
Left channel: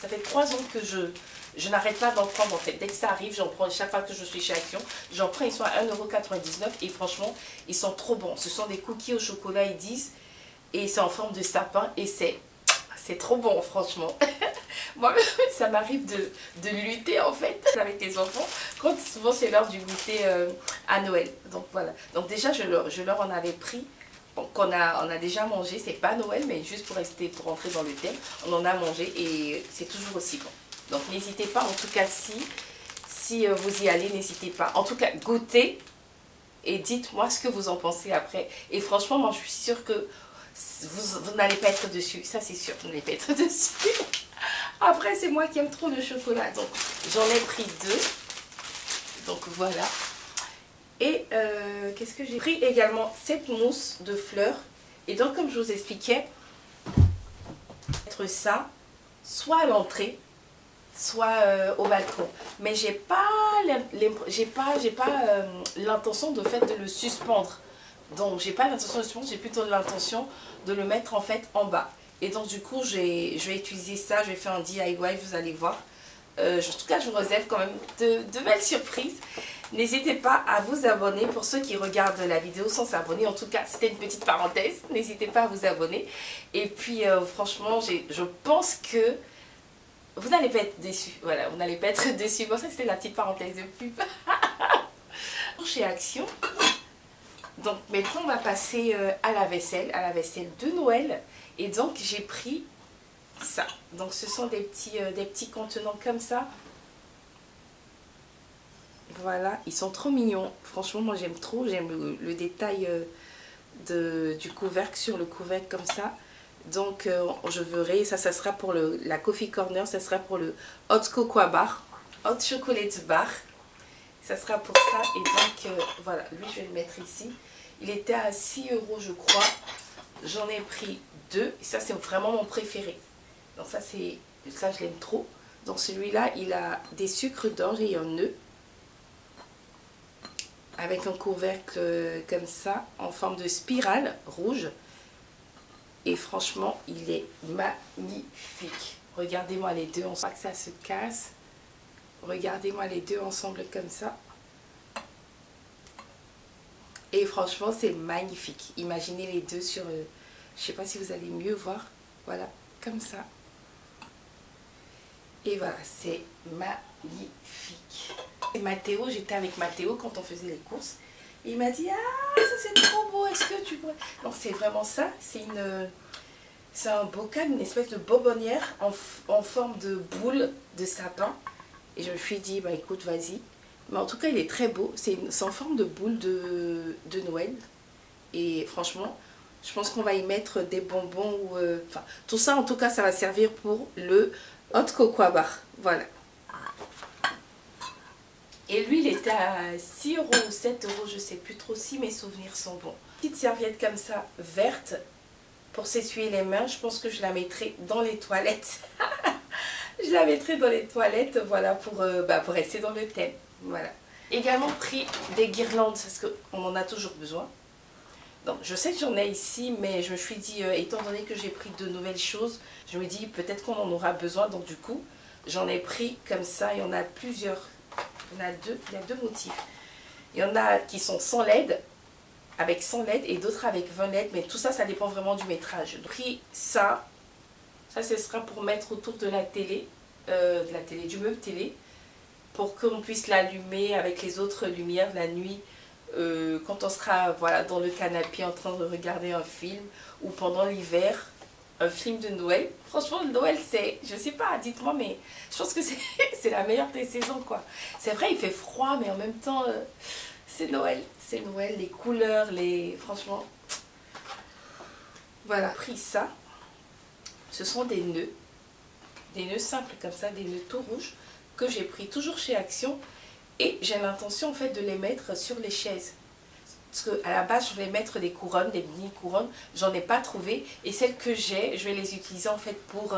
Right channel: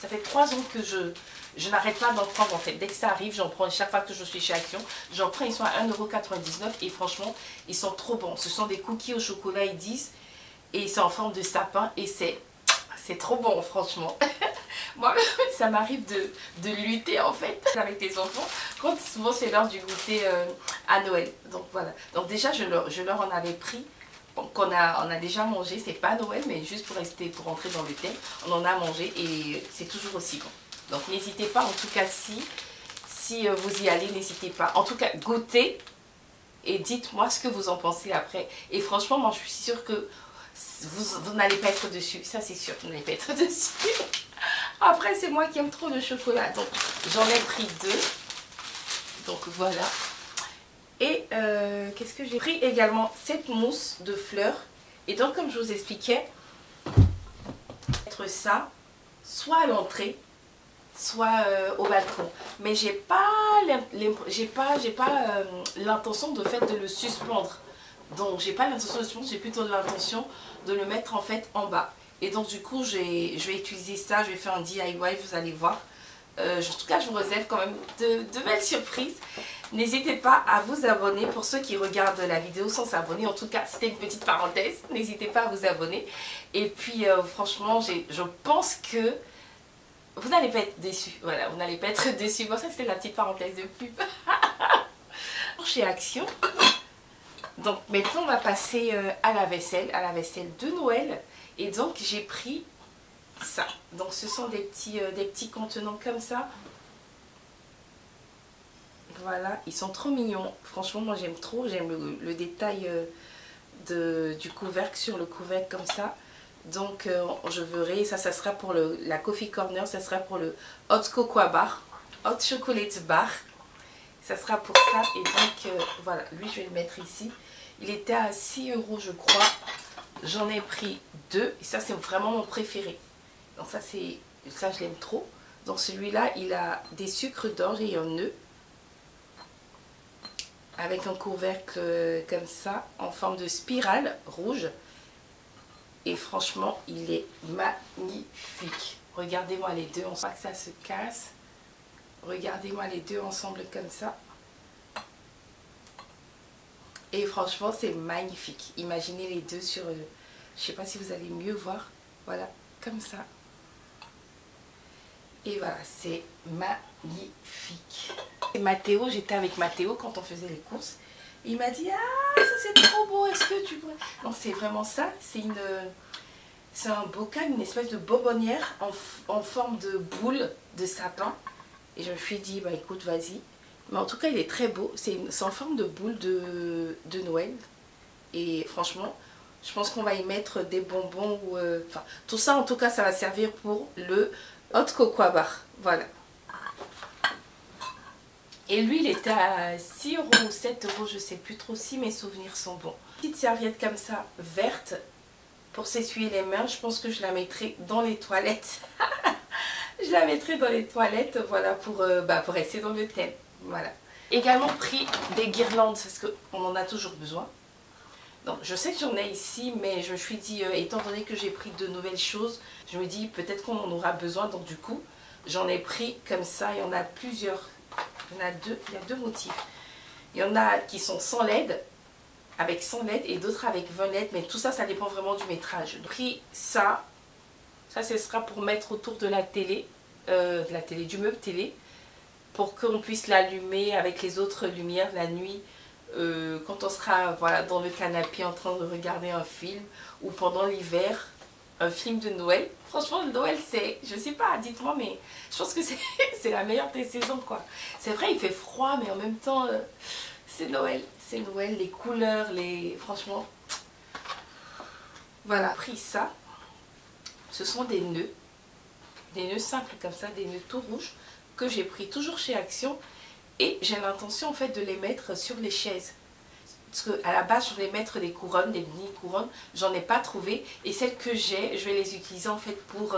Ça fait 3 ans que je n'arrête pas d'en prendre en fait. Dès que ça arrive, j'en prends chaque fois que je suis chez Action. J'en prends, ils sont à 1,99 € et franchement, ils sont trop bons. Ce sont des cookies au chocolat, ils disent. Et c'est en forme de sapin et c'est trop bon, franchement. Moi, ça m'arrive de lutter en fait avec les enfants quand souvent c'est l'heure du goûter à Noël. Donc voilà. Donc déjà, je leur en avais pris. On a déjà mangé, c'est pas Noël, mais juste pour rentrer dans le thème, on en a mangé et c'est toujours aussi bon. Donc n'hésitez pas, en tout cas si vous y allez, n'hésitez pas. En tout cas, goûtez et dites-moi ce que vous en pensez après. Et franchement, moi je suis sûre que vous n'allez pas être dessus, ça c'est sûr, vous n'allez pas être dessus. Après, c'est moi qui aime trop le chocolat, donc j'en ai pris 2. Donc voilà. Et qu'est-ce que j'ai pris également? Cette mousse de fleurs. Et donc comme je vous expliquais, mettre ça soit à l'entrée, soit au balcon. Mais j'ai pas l'intention de fait de le suspendre. Donc j'ai pas l'intention de le suspendre, j'ai plutôt l'intention de le mettre en fait en bas. Et donc du coup je vais utiliser ça, je vais faire un DIY, vous allez voir. En tout cas je vous réserve quand même de belles surprises. N'hésitez pas à vous abonner pour ceux qui regardent la vidéo sans s'abonner. En tout cas, c'était une petite parenthèse. N'hésitez pas à vous abonner. Et puis, franchement, je pense que vous n'allez pas être déçus. Voilà, vous n'allez pas être déçus. Bon, ça, c'était la petite parenthèse de pub. Chez Action. Donc, maintenant, on va passer à la vaisselle de Noël. Et donc, j'ai pris ça. Donc, ce sont des petits contenants comme ça. Voilà, ils sont trop mignons. Franchement, moi j'aime trop. J'aime le détail du couvercle sur le couvercle comme ça. Donc, je verrai. Ça sera pour la Coffee Corner. Ça sera pour le Hot Cocoa Bar. Hot Chocolate Bar. Ça sera pour ça. Et donc, voilà. Lui, je vais le mettre ici. Il était à 6 € je crois. J'en ai pris 2. Et ça, c'est vraiment mon préféré. Donc, ça, je l'aime trop. Donc, celui-là, il a des sucres d'orge et un nœud. Avec un couvercle comme ça, en forme de spirale rouge. Et franchement, il est magnifique. Regardez-moi les deux, on sent que ça se casse. Regardez-moi les deux ensemble comme ça. Et franchement, c'est magnifique. Imaginez les deux sur... je sais pas si vous allez mieux voir. Voilà, comme ça. Et voilà, c'est magnifique. Et Mathéo, j'étais avec Mathéo quand on faisait les courses. Et il m'a dit, ah, ça c'est trop beau, est-ce que tu pourrais... Donc c'est vraiment ça, c'est un bocal, une espèce de bonbonnière en forme de boule de sapin. Et je me suis dit, bah écoute, vas-y. Mais en tout cas, il est très beau. C'est en forme de boule de Noël. Et franchement, je pense qu'on va y mettre des bonbons. Ou, enfin, tout ça, en tout cas, ça va servir pour le hot cocoa bar. Voilà. Et lui, il était à 6 € ou 7 €, je ne sais plus trop si mes souvenirs sont bons. Petite serviette comme ça, verte, pour s'essuyer les mains. Je pense que je la mettrai dans les toilettes. Je la mettrai dans les toilettes, voilà, pour rester dans le thème. Voilà. Également pris des guirlandes, parce qu'on en a toujours besoin. Donc, je sais que j'en ai ici, mais je me suis dit, étant donné que j'ai pris de nouvelles choses, je me dis peut-être qu'on en aura besoin. Donc du coup, j'en ai pris comme ça. Il y en a plusieurs. Il y a deux motifs. Il y en a qui sont sans LED, avec 100 LED, et d'autres avec 20 LED. Mais tout ça, ça dépend vraiment du métrage. J'ai pris ça. Ça, ce sera pour mettre autour de la télé, du meuble télé, pour qu'on puisse l'allumer avec les autres lumières la nuit, quand on sera voilà, dans le canapé en train de regarder un film, ou pendant l'hiver, un film de Noël. Franchement, le Noël, c'est, je sais pas, dites-moi, mais je pense que c'est la meilleure des saisons, quoi. C'est vrai, il fait froid, mais en même temps, c'est Noël. C'est Noël, les couleurs, franchement. Voilà, pris ça. Ce sont des nœuds simples comme ça, des nœuds tout rouges, que j'ai pris toujours chez Action. Et j'ai l'intention, en fait, de les mettre sur les chaises. Parce qu'à la base, je voulais mettre des couronnes, des mini couronnes. J'en ai pas trouvé. Et celles que j'ai, je vais les utiliser en fait pour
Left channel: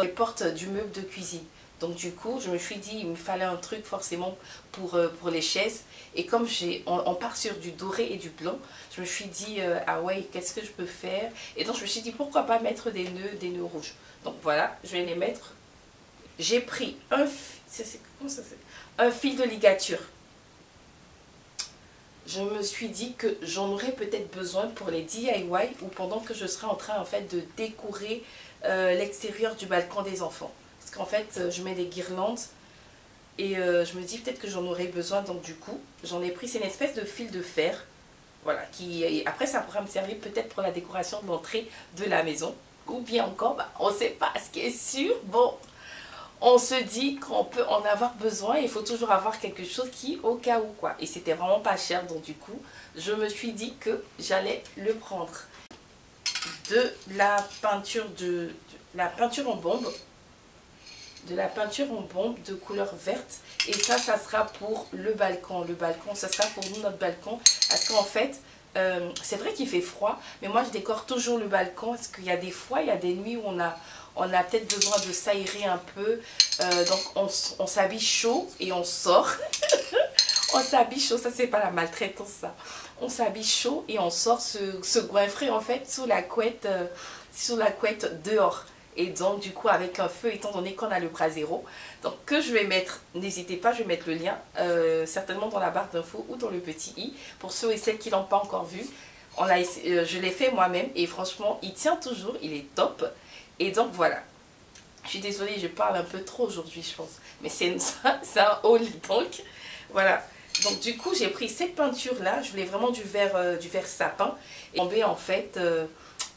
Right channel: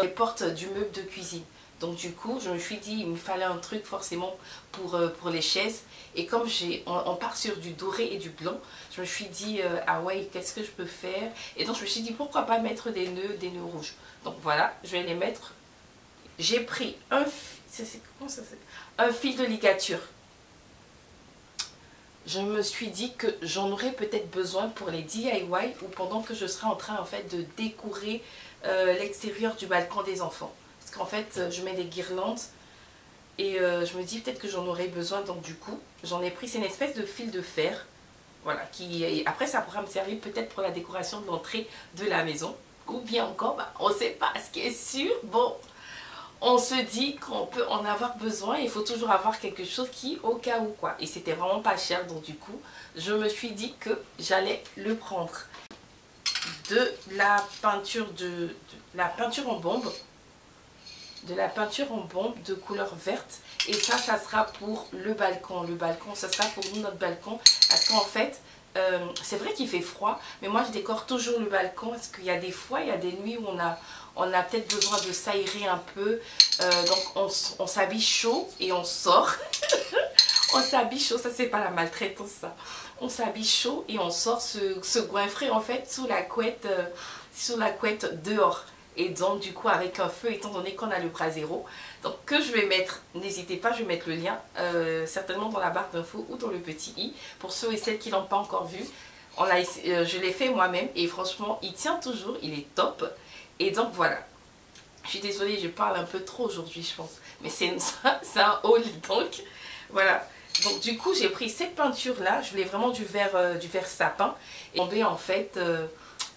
les portes du meuble de cuisine. Donc du coup, je me suis dit, il me fallait un truc forcément pour les chaises. Et comme on part sur du doré et du blanc, je me suis dit, ah ouais, qu'est-ce que je peux faire? Et donc je me suis dit, pourquoi pas mettre des nœuds rouges. Donc voilà, je vais les mettre. J'ai pris un fil de ligature. Je me suis dit que j'en aurais peut-être besoin pour les DIY ou pendant que je serai en train en fait de décorer l'extérieur du balcon des enfants. Parce qu'en fait, je mets des guirlandes et je me dis peut-être que j'en aurais besoin. Donc du coup, j'en ai pris, c'est une espèce de fil de fer. Voilà, après ça pourra me servir peut-être pour la décoration de l'entrée de la maison. Ou bien encore, on ne sait pas, ce qui est sûr, bon... On se dit qu'on peut en avoir besoin, il faut toujours avoir quelque chose qui, au cas où quoi. Et c'était vraiment pas cher, donc du coup, je me suis dit que j'allais le prendre. De la peinture en bombe. De la peinture en bombe de couleur verte. Et ça sera pour le balcon. Le balcon, ça sera pour nous, notre balcon. Parce qu'en fait, c'est vrai qu'il fait froid, mais moi je décore toujours le balcon. Parce qu'il y a des fois, il y a des nuits où on a peut-être besoin de s'aérer un peu. Donc on s'habille chaud et on sort. On s'habille chaud, ça c'est pas la maltraitance ça. On s'habille chaud et on sort se goinfrer en fait sous la couette dehors. Et donc du coup avec un feu, étant donné qu'on a le brasero. Donc que je vais mettre, n'hésitez pas, je vais mettre le lien certainement dans la barre d'infos ou dans le petit i. Pour ceux et celles qui l'ont pas encore vu. Je l'ai fait moi-même et franchement il tient toujours, il est top. Et donc voilà, je suis désolée, je parle un peu trop aujourd'hui je pense, mais c'est un haul donc voilà. Donc du coup j'ai pris cette peinture là, je voulais vraiment du vert sapin et tomber en fait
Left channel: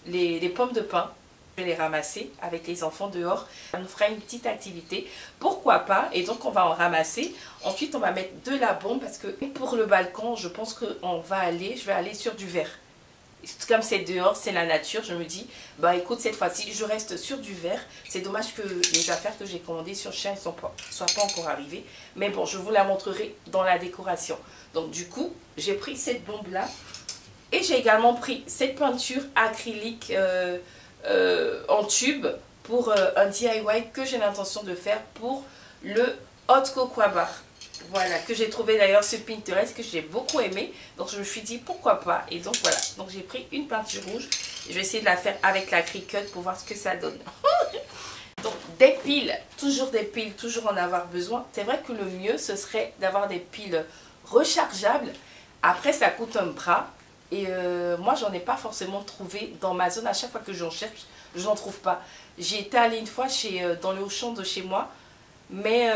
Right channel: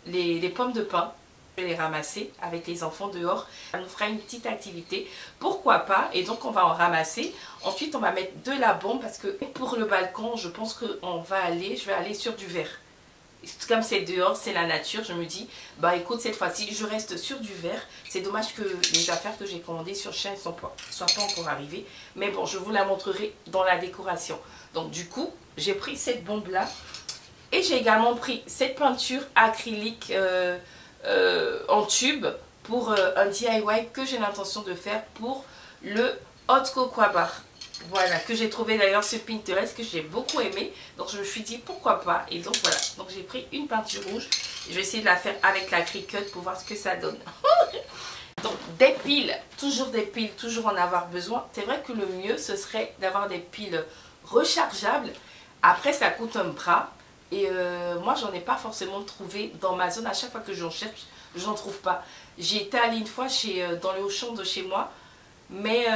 les pommes de pin. Je vais les ramasser avec les enfants dehors, ça nous fera une petite activité, pourquoi pas. Et donc on va en ramasser, ensuite on va mettre de la bombe parce que pour le balcon je pense que je vais aller sur du vert. Comme c'est dehors, c'est la nature, je me dis, bah écoute, cette fois-ci, je reste sur du vert. C'est dommage que les affaires que j'ai commandées sur Shein ne soient pas encore arrivées. Mais bon, je vous la montrerai dans la décoration. Donc du coup, j'ai pris cette bombe-là. Et j'ai également pris cette peinture acrylique en tube pour un DIY que j'ai l'intention de faire pour le hot cocoa bar. Voilà, que j'ai trouvé d'ailleurs sur Pinterest, que j'ai beaucoup aimé. Donc je me suis dit pourquoi pas. Et donc voilà, donc j'ai pris une peinture rouge. Je vais essayer de la faire avec la Cricut pour voir ce que ça donne. Donc des piles, toujours en avoir besoin. C'est vrai que le mieux, ce serait d'avoir des piles rechargeables. Après, ça coûte un bras. Et moi, j'en ai pas forcément trouvé dans ma zone. À chaque fois que j'en cherche, je n'en trouve pas. J'ai été allée une fois dans le Auchan de chez moi. Mais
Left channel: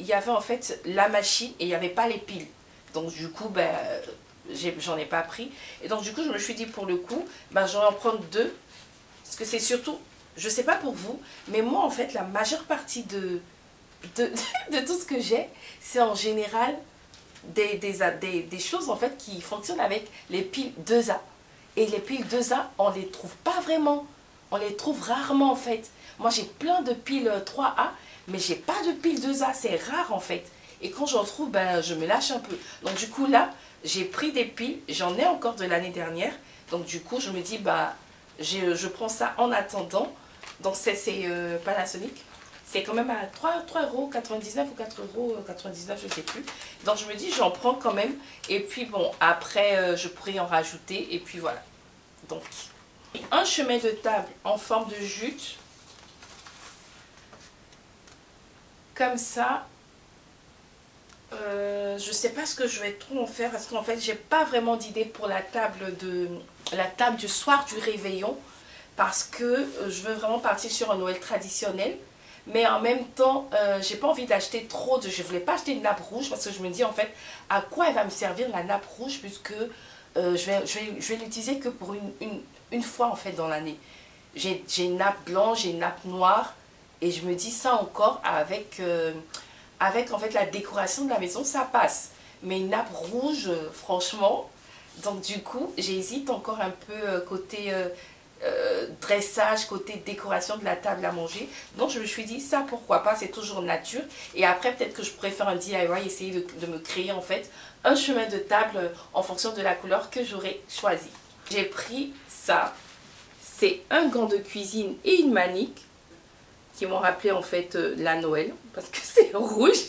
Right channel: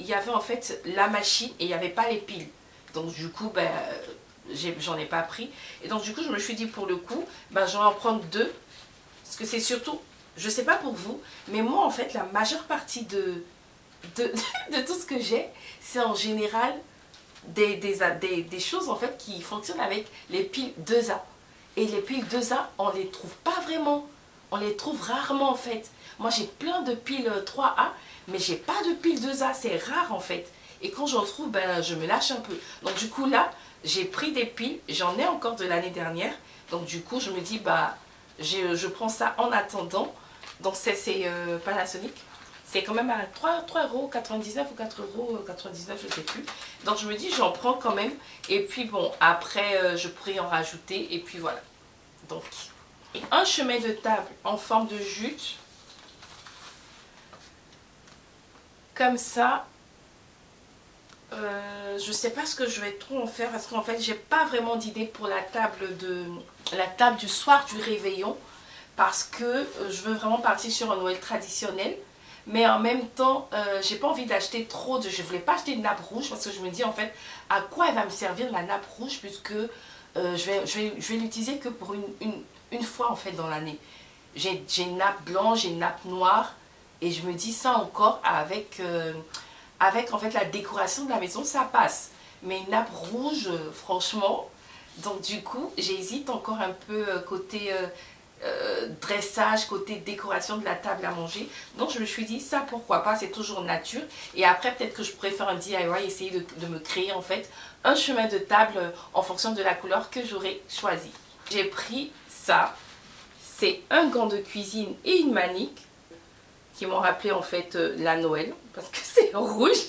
il y avait en fait la machine et il n'y avait pas les piles. Donc du coup, ben, j'en ai pas pris. Et donc du coup, je me suis dit pour le coup, ben, je vais en prendre deux. Parce que c'est surtout, je sais pas pour vous, mais moi en fait, la majeure partie de tout ce que j'ai, c'est en général des choses en fait qui fonctionnent avec les piles 2A. Et les piles 2A, on les trouve pas vraiment. On les trouve rarement en fait. Moi j'ai plein de piles 3A, mais j'ai pas de piles 2A. C'est rare en fait. Et quand j'en trouve, ben, je me lâche un peu. Donc du coup là, j'ai pris des piles. J'en ai encore de l'année dernière. Donc du coup, je me dis, bah, je prends ça en attendant. Donc c'est Panasonic. C'est quand même à 3,99 € ou 4,99 €, je ne sais plus. Donc je me dis, j'en prends quand même. Et puis bon, après, je pourrais en rajouter. Et puis voilà. Donc, un chemin de table en forme de jute. Comme ça. Je ne sais pas ce que je vais trop en faire. Parce qu'en fait, j'ai pas vraiment d'idée pour la table du soir du réveillon. Parce que je veux vraiment partir sur un Noël traditionnel. Mais en même temps, j'ai pas envie d'acheter trop de... Je voulais pas acheter une nappe rouge parce que je me dis en fait, à quoi elle va me servir la nappe rouge puisque je vais l'utiliser que pour une fois en fait dans l'année. J'ai une nappe blanche, j'ai une nappe noire et je me dis ça encore avec en fait la décoration de la maison, ça passe. Mais une nappe rouge, franchement, donc du coup, j'hésite encore un peu côté... dressage, côté décoration de la table à manger. Donc je me suis dit ça pourquoi pas, c'est toujours nature. Et après peut-être que je préfère un DIY, essayer de me créer en fait un chemin de table en fonction de la couleur que j'aurais choisi. J'ai pris ça, c'est un gant de cuisine et une manique qui m'ont rappelé en fait la Noël parce que c'est rouge.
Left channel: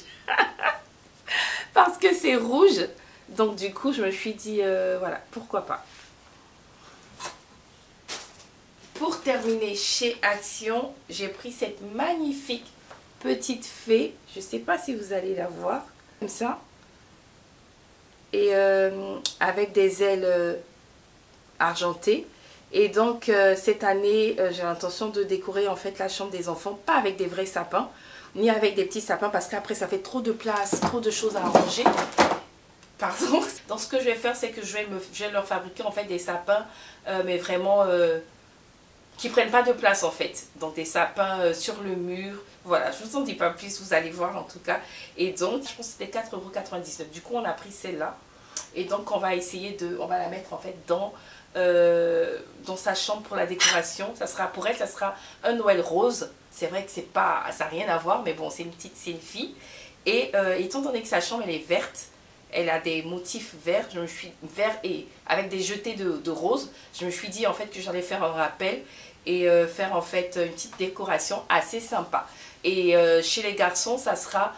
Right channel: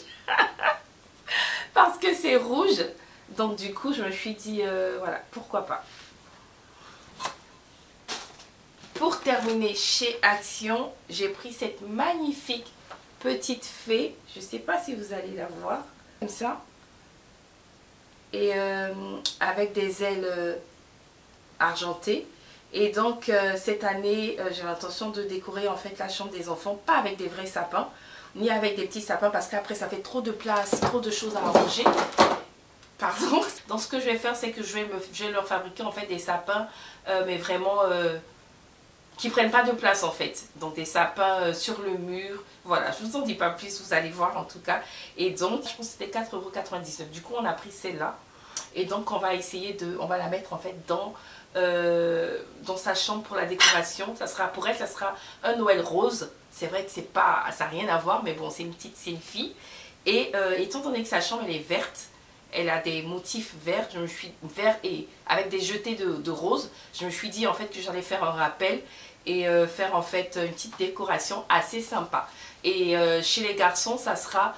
Parce que c'est rouge. Donc du coup je me suis dit voilà, pourquoi pas. Pour terminer chez Action, j'ai pris cette magnifique petite fée. Je ne sais pas si vous allez la voir. Comme ça. Et avec des ailes argentées. Et donc cette année, j'ai l'intention de décorer en fait la chambre des enfants. Pas avec des vrais sapins. Ni avec des petits sapins. Parce qu'après ça fait trop de place, trop de choses à arranger. Pardon. Donc ce que je vais faire, c'est que je vais leur fabriquer en fait des sapins. Mais vraiment... qui prennent pas de place en fait. Donc des sapins sur le mur. Voilà, je vous en dis pas plus, vous allez voir en tout cas. Et donc, je pense que c'était 4,99 €. Du coup, on a pris celle-là. Et donc, on va essayer on va la mettre en fait dans sa chambre pour la décoration. Ça sera, pour elle, ça sera un Noël rose. C'est vrai que ça n'a rien à voir, mais bon, c'est une fille. Et étant donné que sa chambre, elle est verte, elle a des motifs verts, vert et avec des jetés de rose. Je me suis dit en fait que j'allais faire un rappel et faire en fait une petite décoration assez sympa. Et chez les garçons, ça sera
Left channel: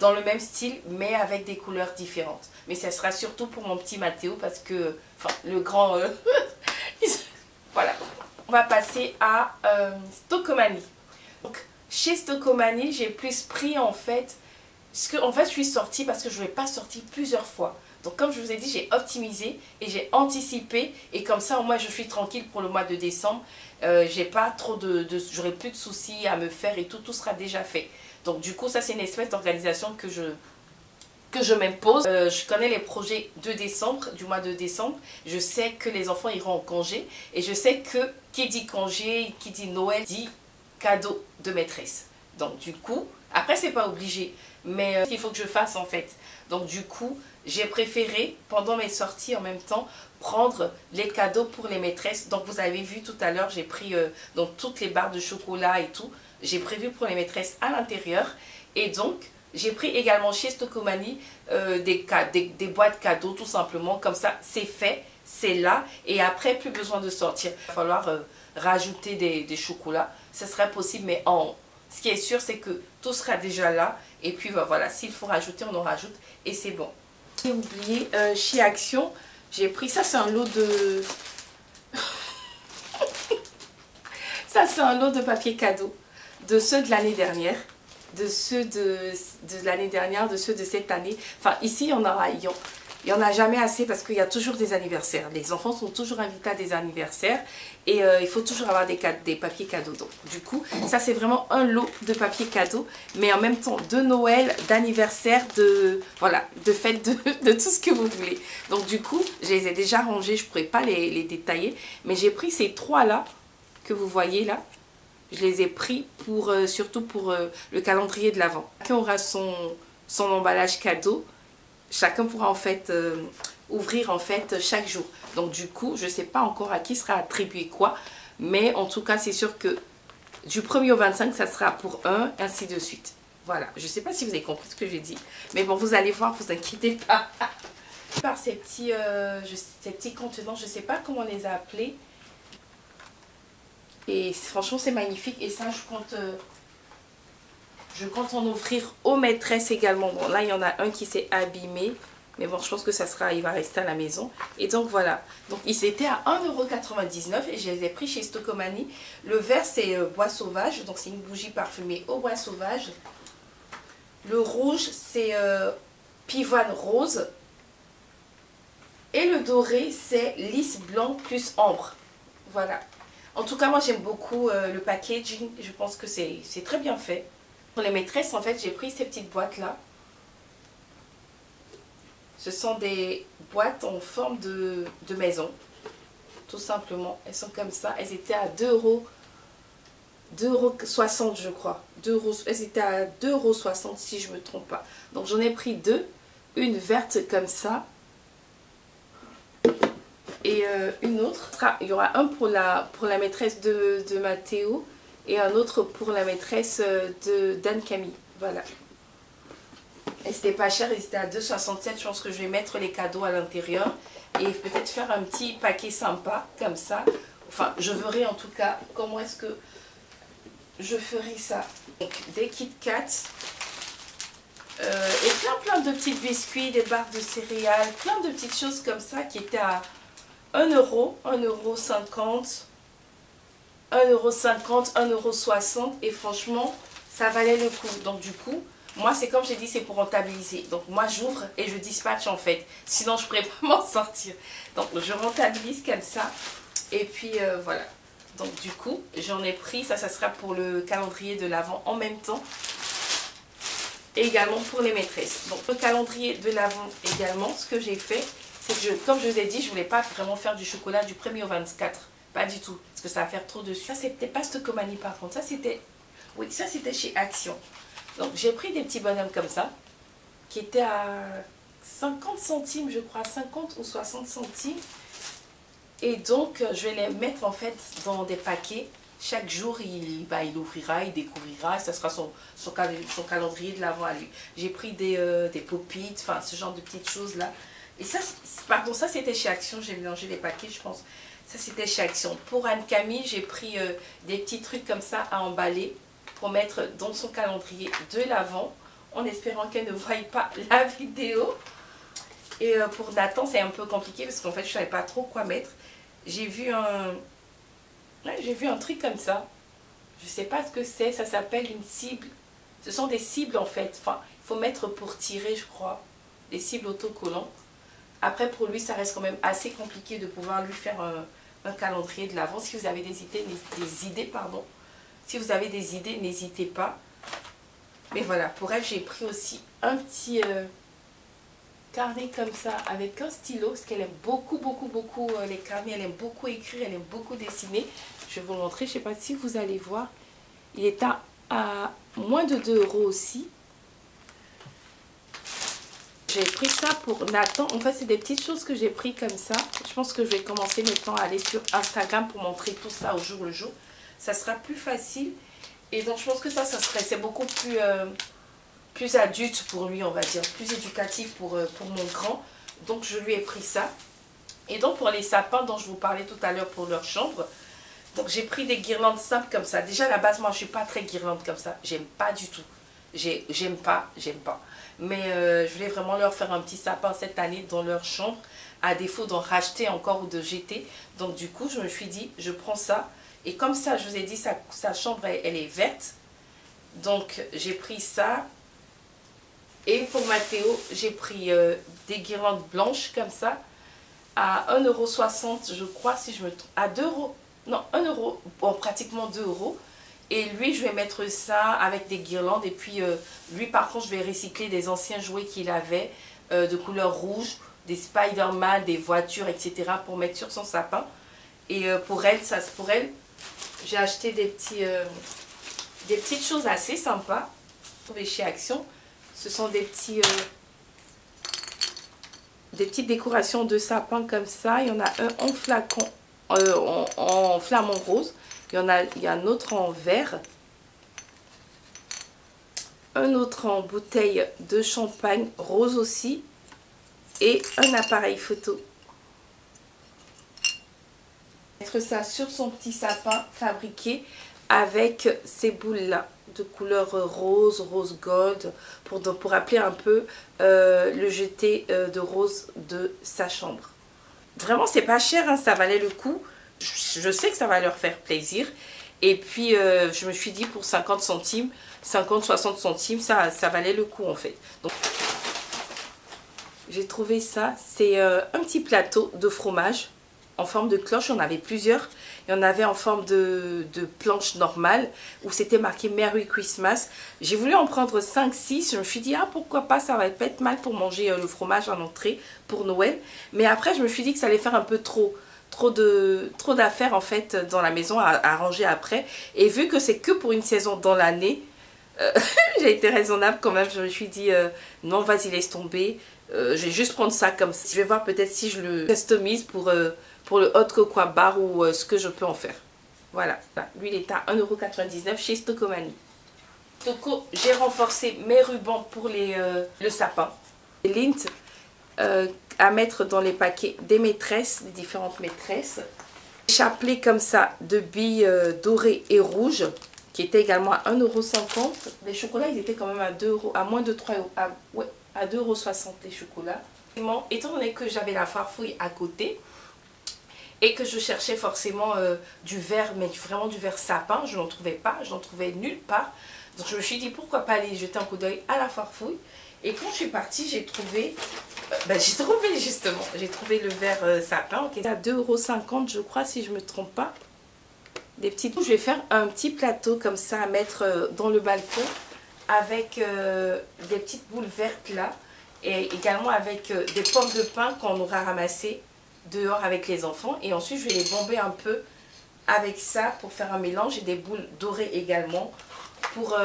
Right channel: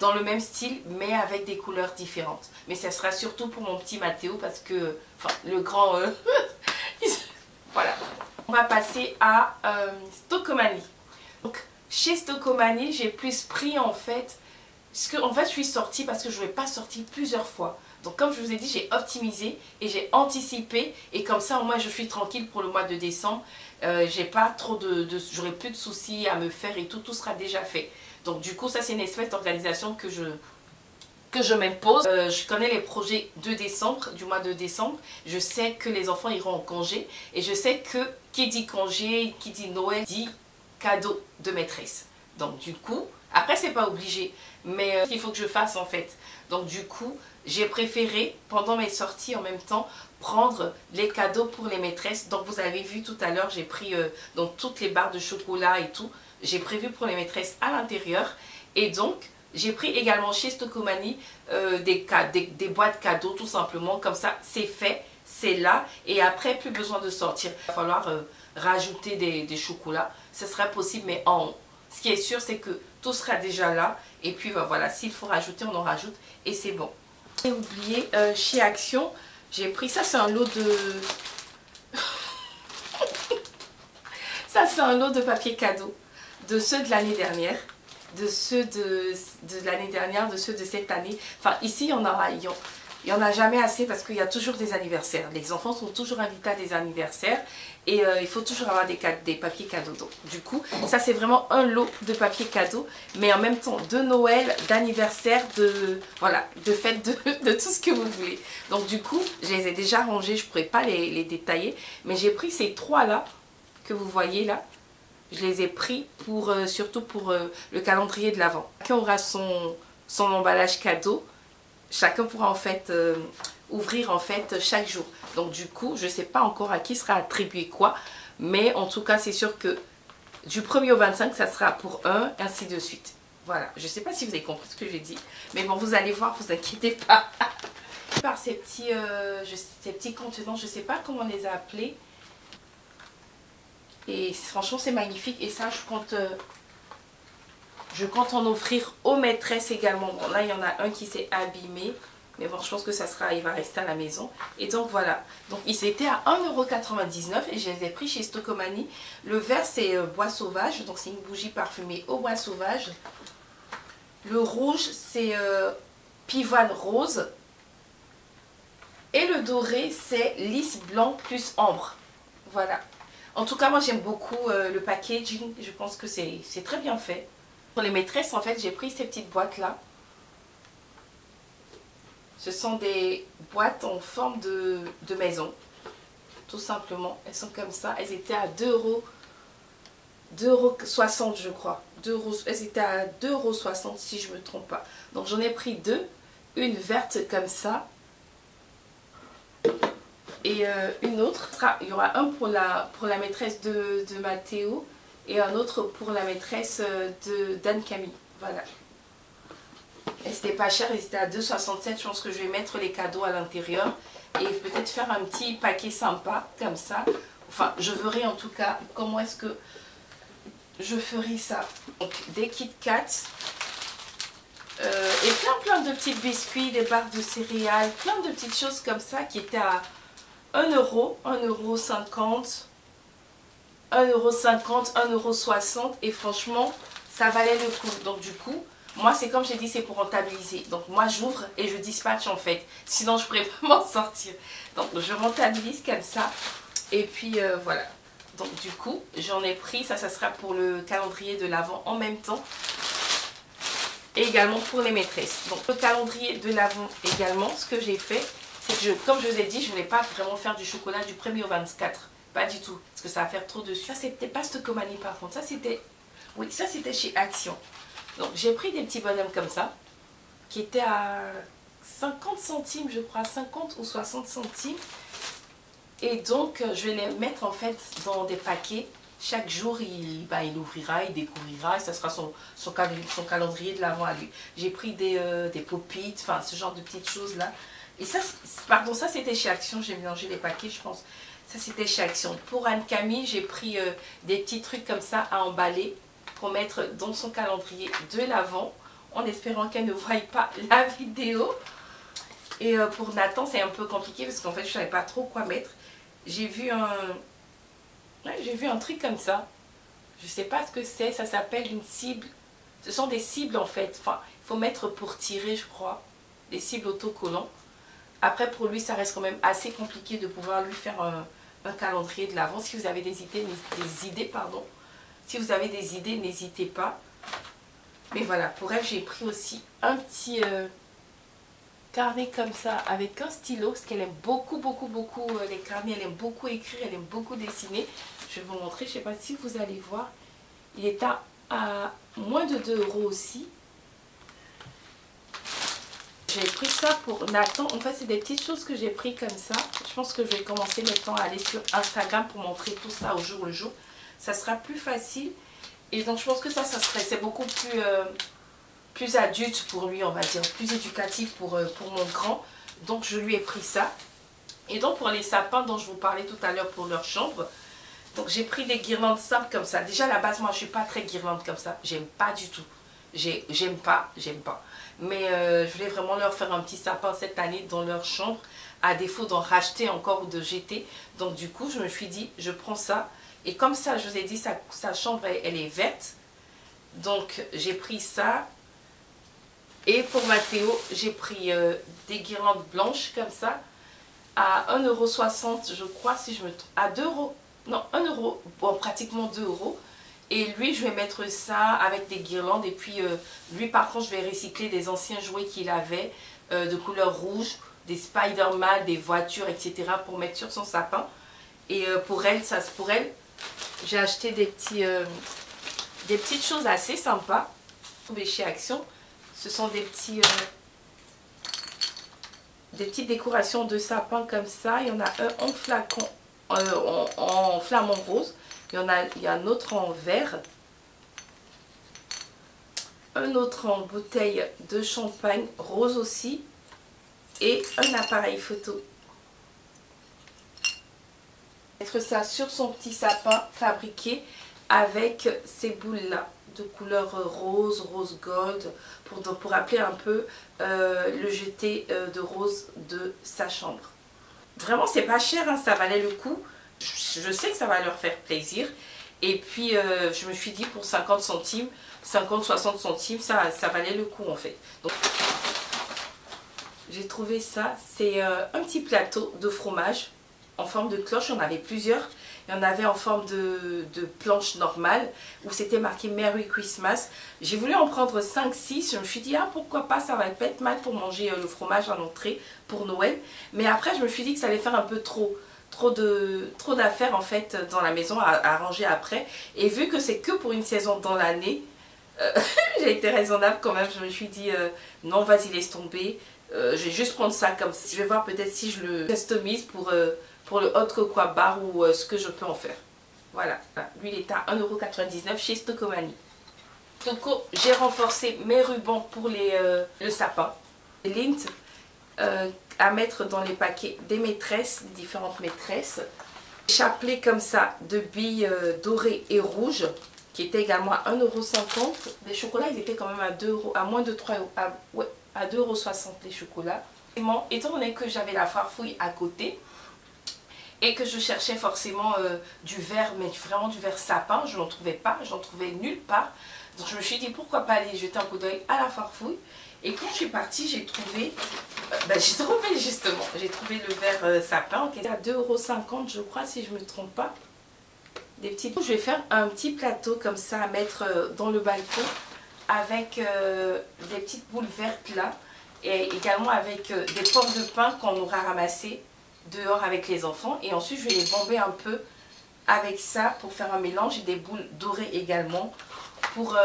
dans le même style mais avec des couleurs différentes. Mais ça sera surtout pour mon petit Mathéo parce que, enfin, le grand... voilà. On va passer à Stockomanie. Donc, chez Stockomanie, j'ai plus pris en fait... En fait, je suis sortie parce que je ne vais pas sortir plusieurs fois. Donc, comme je vous ai dit, j'ai optimisé et j'ai anticipé. Et comme ça, au moins, je suis tranquille pour le mois de décembre. J'ai pas trop j'aurai plus de soucis à me faire et tout sera déjà fait. Donc, du coup, ça, c'est une espèce d'organisation que je m'impose. Je connais les projets de décembre, du mois de décembre. Je sais que les enfants iront en congé. Et je sais que qui dit congé, qui dit Noël, dit cadeau de maîtresse. Donc, du coup, après, c'est pas obligé. Mais il faut que je fasse en fait. Donc du coup, j'ai préféré pendant mes sorties en même temps prendre les cadeaux pour les maîtresses. Donc vous avez vu tout à l'heure, j'ai pris donc toutes les barres de chocolat et tout. J'ai prévu pour les maîtresses à l'intérieur. Et donc j'ai pris également chez Stockomanie des boîtes cadeaux tout simplement. Comme ça, c'est fait, c'est là. Et après, plus besoin de sortir. Il va falloir rajouter des chocolats. Ce sera possible, mais ce qui est sûr, c'est que tout sera déjà là. Et puis voilà, s'il faut rajouter, on en rajoute. Et c'est bon. J'ai oublié, chez Action, j'ai pris... Ça, c'est un lot de... ça, c'est un lot de papier cadeau. de ceux de l'année dernière, de ceux de l'année dernière, de ceux de cette année. Enfin, ici, il y en a jamais assez parce qu'il y a toujours des anniversaires. Les enfants sont toujours invités à des anniversaires et il faut toujours avoir des papiers cadeaux. Donc, du coup, ça c'est vraiment un lot de papiers cadeaux, mais en même temps de Noël, d'anniversaire, voilà, de fête, de tout ce que vous voulez. Donc, du coup, je les ai déjà rangés, je ne pourrais pas les détailler, mais j'ai pris ces trois là que vous voyez là. Je les ai pris pour, surtout pour le calendrier de l'Avent. Chacun aura son emballage cadeau. Chacun pourra en fait ouvrir en fait chaque jour. Donc du coup, je ne sais pas encore à qui sera attribué quoi. Mais en tout cas, c'est sûr que du 1er au 25, ça sera pour un, ainsi de suite. Voilà. Je ne sais pas si vous avez compris ce que j'ai dit. Mais bon, vous allez voir, vous inquiétez pas. Par ces petits contenants, je ne sais pas comment on les a appelés. Et franchement, c'est magnifique. Et ça, je compte en offrir aux maîtresses également. Bon, là, il y en a un qui s'est abîmé. Mais bon, je pense que il va rester à la maison. Et donc, voilà. Donc, ils étaient à 1,99 € et je les ai pris chez Stocomanie. Le vert, c'est bois sauvage. Donc, c'est une bougie parfumée au bois sauvage. Le rouge, c'est pivoine rose. Et le doré, c'est lys blanc plus ambre. Voilà. En tout cas, moi, j'aime beaucoup le packaging. Je pense que c'est très bien fait. Pour les maîtresses, en fait, j'ai pris ces petites boîtes-là. Ce sont des boîtes en forme de maison. Tout simplement. Elles sont comme ça. Elles étaient à 2,60 €, je crois. Elles étaient à 2,60 € si je ne me trompe pas. Donc, j'en ai pris deux. Une verte comme ça. Et une autre, il y aura un pour la maîtresse de Mathéo et un autre pour la maîtresse d'Anne-Camille. Voilà. Et c'était pas cher, et c'était à 2,67 €. Je pense que je vais mettre les cadeaux à l'intérieur et peut-être faire un petit paquet sympa comme ça. Enfin, je verrai en tout cas comment est-ce que je ferai ça. Donc, des Kit Kat. Et plein de petits biscuits, des barres de céréales, plein de petites choses comme ça qui étaient à 1 €, 1,50 €, 1,50 €, 1,60 € et franchement, ça valait le coup. Donc du coup, moi c'est comme j'ai dit, c'est pour rentabiliser. Donc moi j'ouvre et je dispatche en fait. Sinon je ne pourrais pas m'en sortir. Donc je rentabilise comme ça. Et puis voilà. Donc du coup, j'en ai pris. Ça sera pour le calendrier de l'Avent en même temps. Et également pour les maîtresses. Donc le calendrier de l'Avent également, ce que j'ai fait, c'est que comme je vous ai dit, je ne voulais pas vraiment faire du chocolat du 1er au 24. Pas du tout. Parce que ça va faire trop dessus. Ça, c'était pas Stocomanie par contre. Ça, c'était... Oui, ça, c'était chez Action. Donc, j'ai pris des petits bonhommes comme ça. Qui étaient à 50 centimes, je crois. 50 ou 60 centimes. Et donc, je vais les mettre en fait dans des paquets. Chaque jour, il ouvrira, il découvrira. Et ça sera son calendrier de l'Avent à lui. J'ai pris des pop-it, enfin, ce genre de petites choses-là. Et ça, pardon, ça c'était chez Action, j'ai mélangé les paquets, je pense. Ça c'était chez Action. Pour Anne-Camille, j'ai pris des petits trucs comme ça à emballer pour mettre dans son calendrier de l'Avent, en espérant qu'elle ne voie pas la vidéo. Et pour Nathan, c'est un peu compliqué parce qu'en fait, je ne savais pas trop quoi mettre. J'ai vu un truc comme ça. Je ne sais pas ce que c'est, ça s'appelle une cible. Ce sont des cibles en fait. Enfin, il faut mettre pour tirer, je crois, des cibles autocollants. Après, pour lui, ça reste quand même assez compliqué de pouvoir lui faire un calendrier de l'Avent. Si vous avez des idées, si vous avez des idées, n'hésitez pas. Mais voilà, pour elle, j'ai pris aussi un petit carnet comme ça avec un stylo. Parce qu'elle aime beaucoup les carnets. Elle aime beaucoup écrire, elle aime beaucoup dessiner. Je vais vous montrer, je ne sais pas si vous allez voir. Il est à moins de 2 € aussi. J'ai pris ça pour Nathan. En fait, c'est des petites choses que j'ai pris comme ça. Je pense que je vais commencer maintenant à aller sur Instagram pour montrer tout ça au jour le jour. Ça sera plus facile. Et donc, je pense que c'est beaucoup plus adulte pour lui, on va dire. Plus éducatif pour mon grand. Donc, je lui ai pris ça. Et donc, pour les sapins dont je vous parlais tout à l'heure pour leur chambre. Donc, j'ai pris des guirlandes simples comme ça. Déjà, à la base, moi, je ne suis pas très guirlande comme ça. J'aime pas du tout. J'aime pas. Mais je voulais vraiment leur faire un petit sapin cette année dans leur chambre, à défaut d'en racheter encore ou de jeter. Donc du coup, je me suis dit, je prends ça. Et comme ça, je vous ai dit, sa chambre, elle est verte. Donc j'ai pris ça. Et pour Mathéo, j'ai pris des guirlandes blanches comme ça à 1,60 € je crois, si je me trompe, à 2 €, non 1 €, bon pratiquement 2 €. Et lui je vais mettre ça avec des guirlandes et puis lui par contre je vais recycler des anciens jouets qu'il avait de couleur rouge, des Spider-Man, des voitures etc. pour mettre sur son sapin. Et pour elle, j'ai acheté des petites choses assez sympas trouvées chez Action. Ce sont des petites décorations de sapin comme ça. Il y en a un en flacon, en flamant rose. Il y a un autre en vert. Un autre en bouteille de champagne rose aussi. Et un appareil photo. Mettre ça sur son petit sapin fabriqué avec ces boules là de couleur rose, rose gold pour rappeler un peu le jeté de rose de sa chambre. Vraiment c'est pas cher hein, ça valait le coup. Je sais que ça va leur faire plaisir et puis je me suis dit pour 50 centimes, 50-60 centimes ça valait le coup en fait. Donc j'ai trouvé ça, c'est un petit plateau de fromage en forme de cloche, il y en avait plusieurs. Il y en avait en forme de planche normale où c'était marqué Merry Christmas. J'ai voulu en prendre 5-6. Je me suis dit, ah pourquoi pas, ça va pas être mal pour manger le fromage en entrée pour Noël. Mais après, je me suis dit que ça allait faire un peu trop d'affaires en fait dans la maison à ranger après. Et vu que c'est que pour une saison dans l'année, j'ai été raisonnable quand même. Je me suis dit, non vas-y laisse tomber. Je vais juste prendre ça comme ça. Je vais voir peut-être si je le customise pour le hot cocoa bar ou ce que je peux en faire. Voilà, lui il est à 1,99 € chez Stocomanie. Donc j'ai renforcé mes rubans pour le sapin. Les lint à mettre dans les paquets des maîtresses, des différentes maîtresses. Chapelet comme ça de billes dorées et rouges qui étaient également à 1,50 €. Les chocolats ils étaient quand même à 2 €, à moins de 3 €, ouais, à 2,60 € les chocolats. Étant donné que j'avais la farfouille à côté, et que je cherchais forcément du verre, mais vraiment du verre sapin, je n'en trouvais pas, je n'en trouvais nulle part. Donc je me suis dit pourquoi pas aller jeter un coup d'œil à la farfouille. Et quand je suis partie, j'ai trouvé le verre sapin qui est à 2,50 € je crois si je ne me trompe pas. Des petites. Je vais faire un petit plateau comme ça à mettre dans le balcon avec des petites boules vertes là. Et également avec des pommes de pin qu'on aura ramassées dehors avec les enfants. Et ensuite je vais les bomber un peu avec ça pour faire un mélange et des boules dorées également pour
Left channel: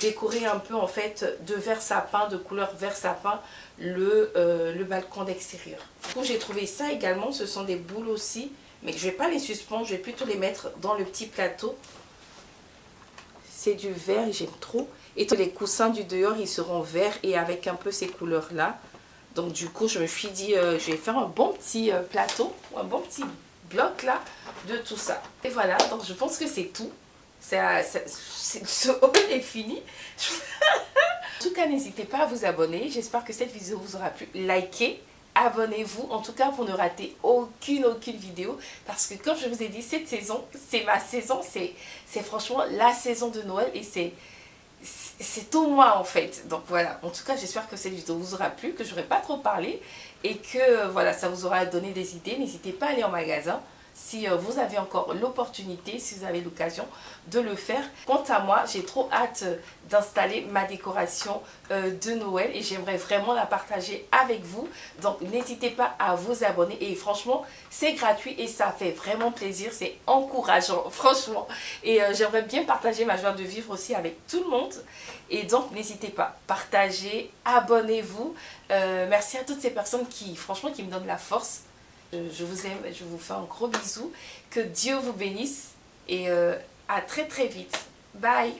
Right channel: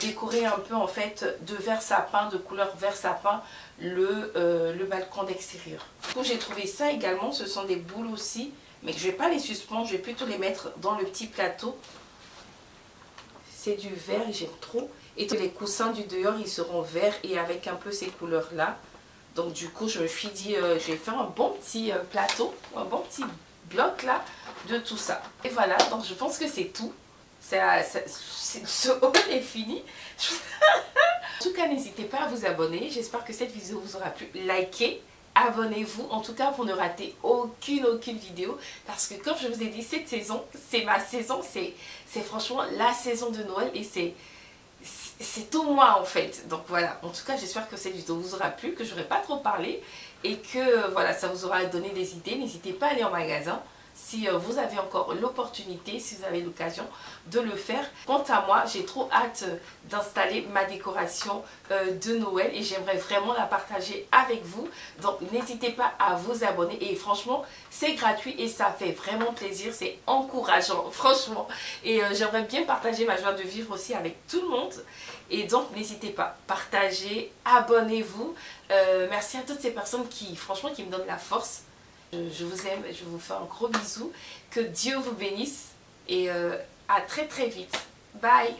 décorer un peu en fait de vert sapin, de couleur vert sapin le balcon d'extérieur. Du coup j'ai trouvé ça également, ce sont des boules aussi mais je ne vais pas les suspendre, je vais plutôt les mettre dans le petit plateau. C'est du vert et j'aime trop. Et tous les coussins du dehors ils seront verts et avec un peu ces couleurs là. Donc du coup je me suis dit je vais faire un bon petit plateau, un bon petit bloc là de tout ça. Et voilà, donc je pense que c'est tout. Ce haul est fini. En tout cas n'hésitez pas à vous abonner. J'espère que cette vidéo vous aura plu. Likez, abonnez-vous en tout cas pour ne rater aucune vidéo. Parce que comme je vous ai dit, cette saison c'est ma saison. C'est franchement la saison de Noël et c'est tout moi en fait. Donc voilà, en tout cas j'espère que cette vidéo vous aura plu, que je n'aurai pas trop parlé et que voilà, ça vous aura donné des idées. N'hésitez pas à aller en magasin si vous avez encore l'opportunité, si vous avez l'occasion de le faire. Quant à moi, j'ai trop hâte d'installer ma décoration de Noël et j'aimerais vraiment la partager avec vous. Donc n'hésitez pas à vous abonner et franchement c'est gratuit et ça fait vraiment plaisir, c'est encourageant franchement. Et j'aimerais bien partager ma joie de vivre aussi avec tout le monde. Et donc n'hésitez pas, partagez, abonnez-vous. Merci à toutes ces personnes qui franchement qui me donnent la force. Je vous aime, je vous fais un gros bisou. Que Dieu vous bénisse et à très vite. Bye!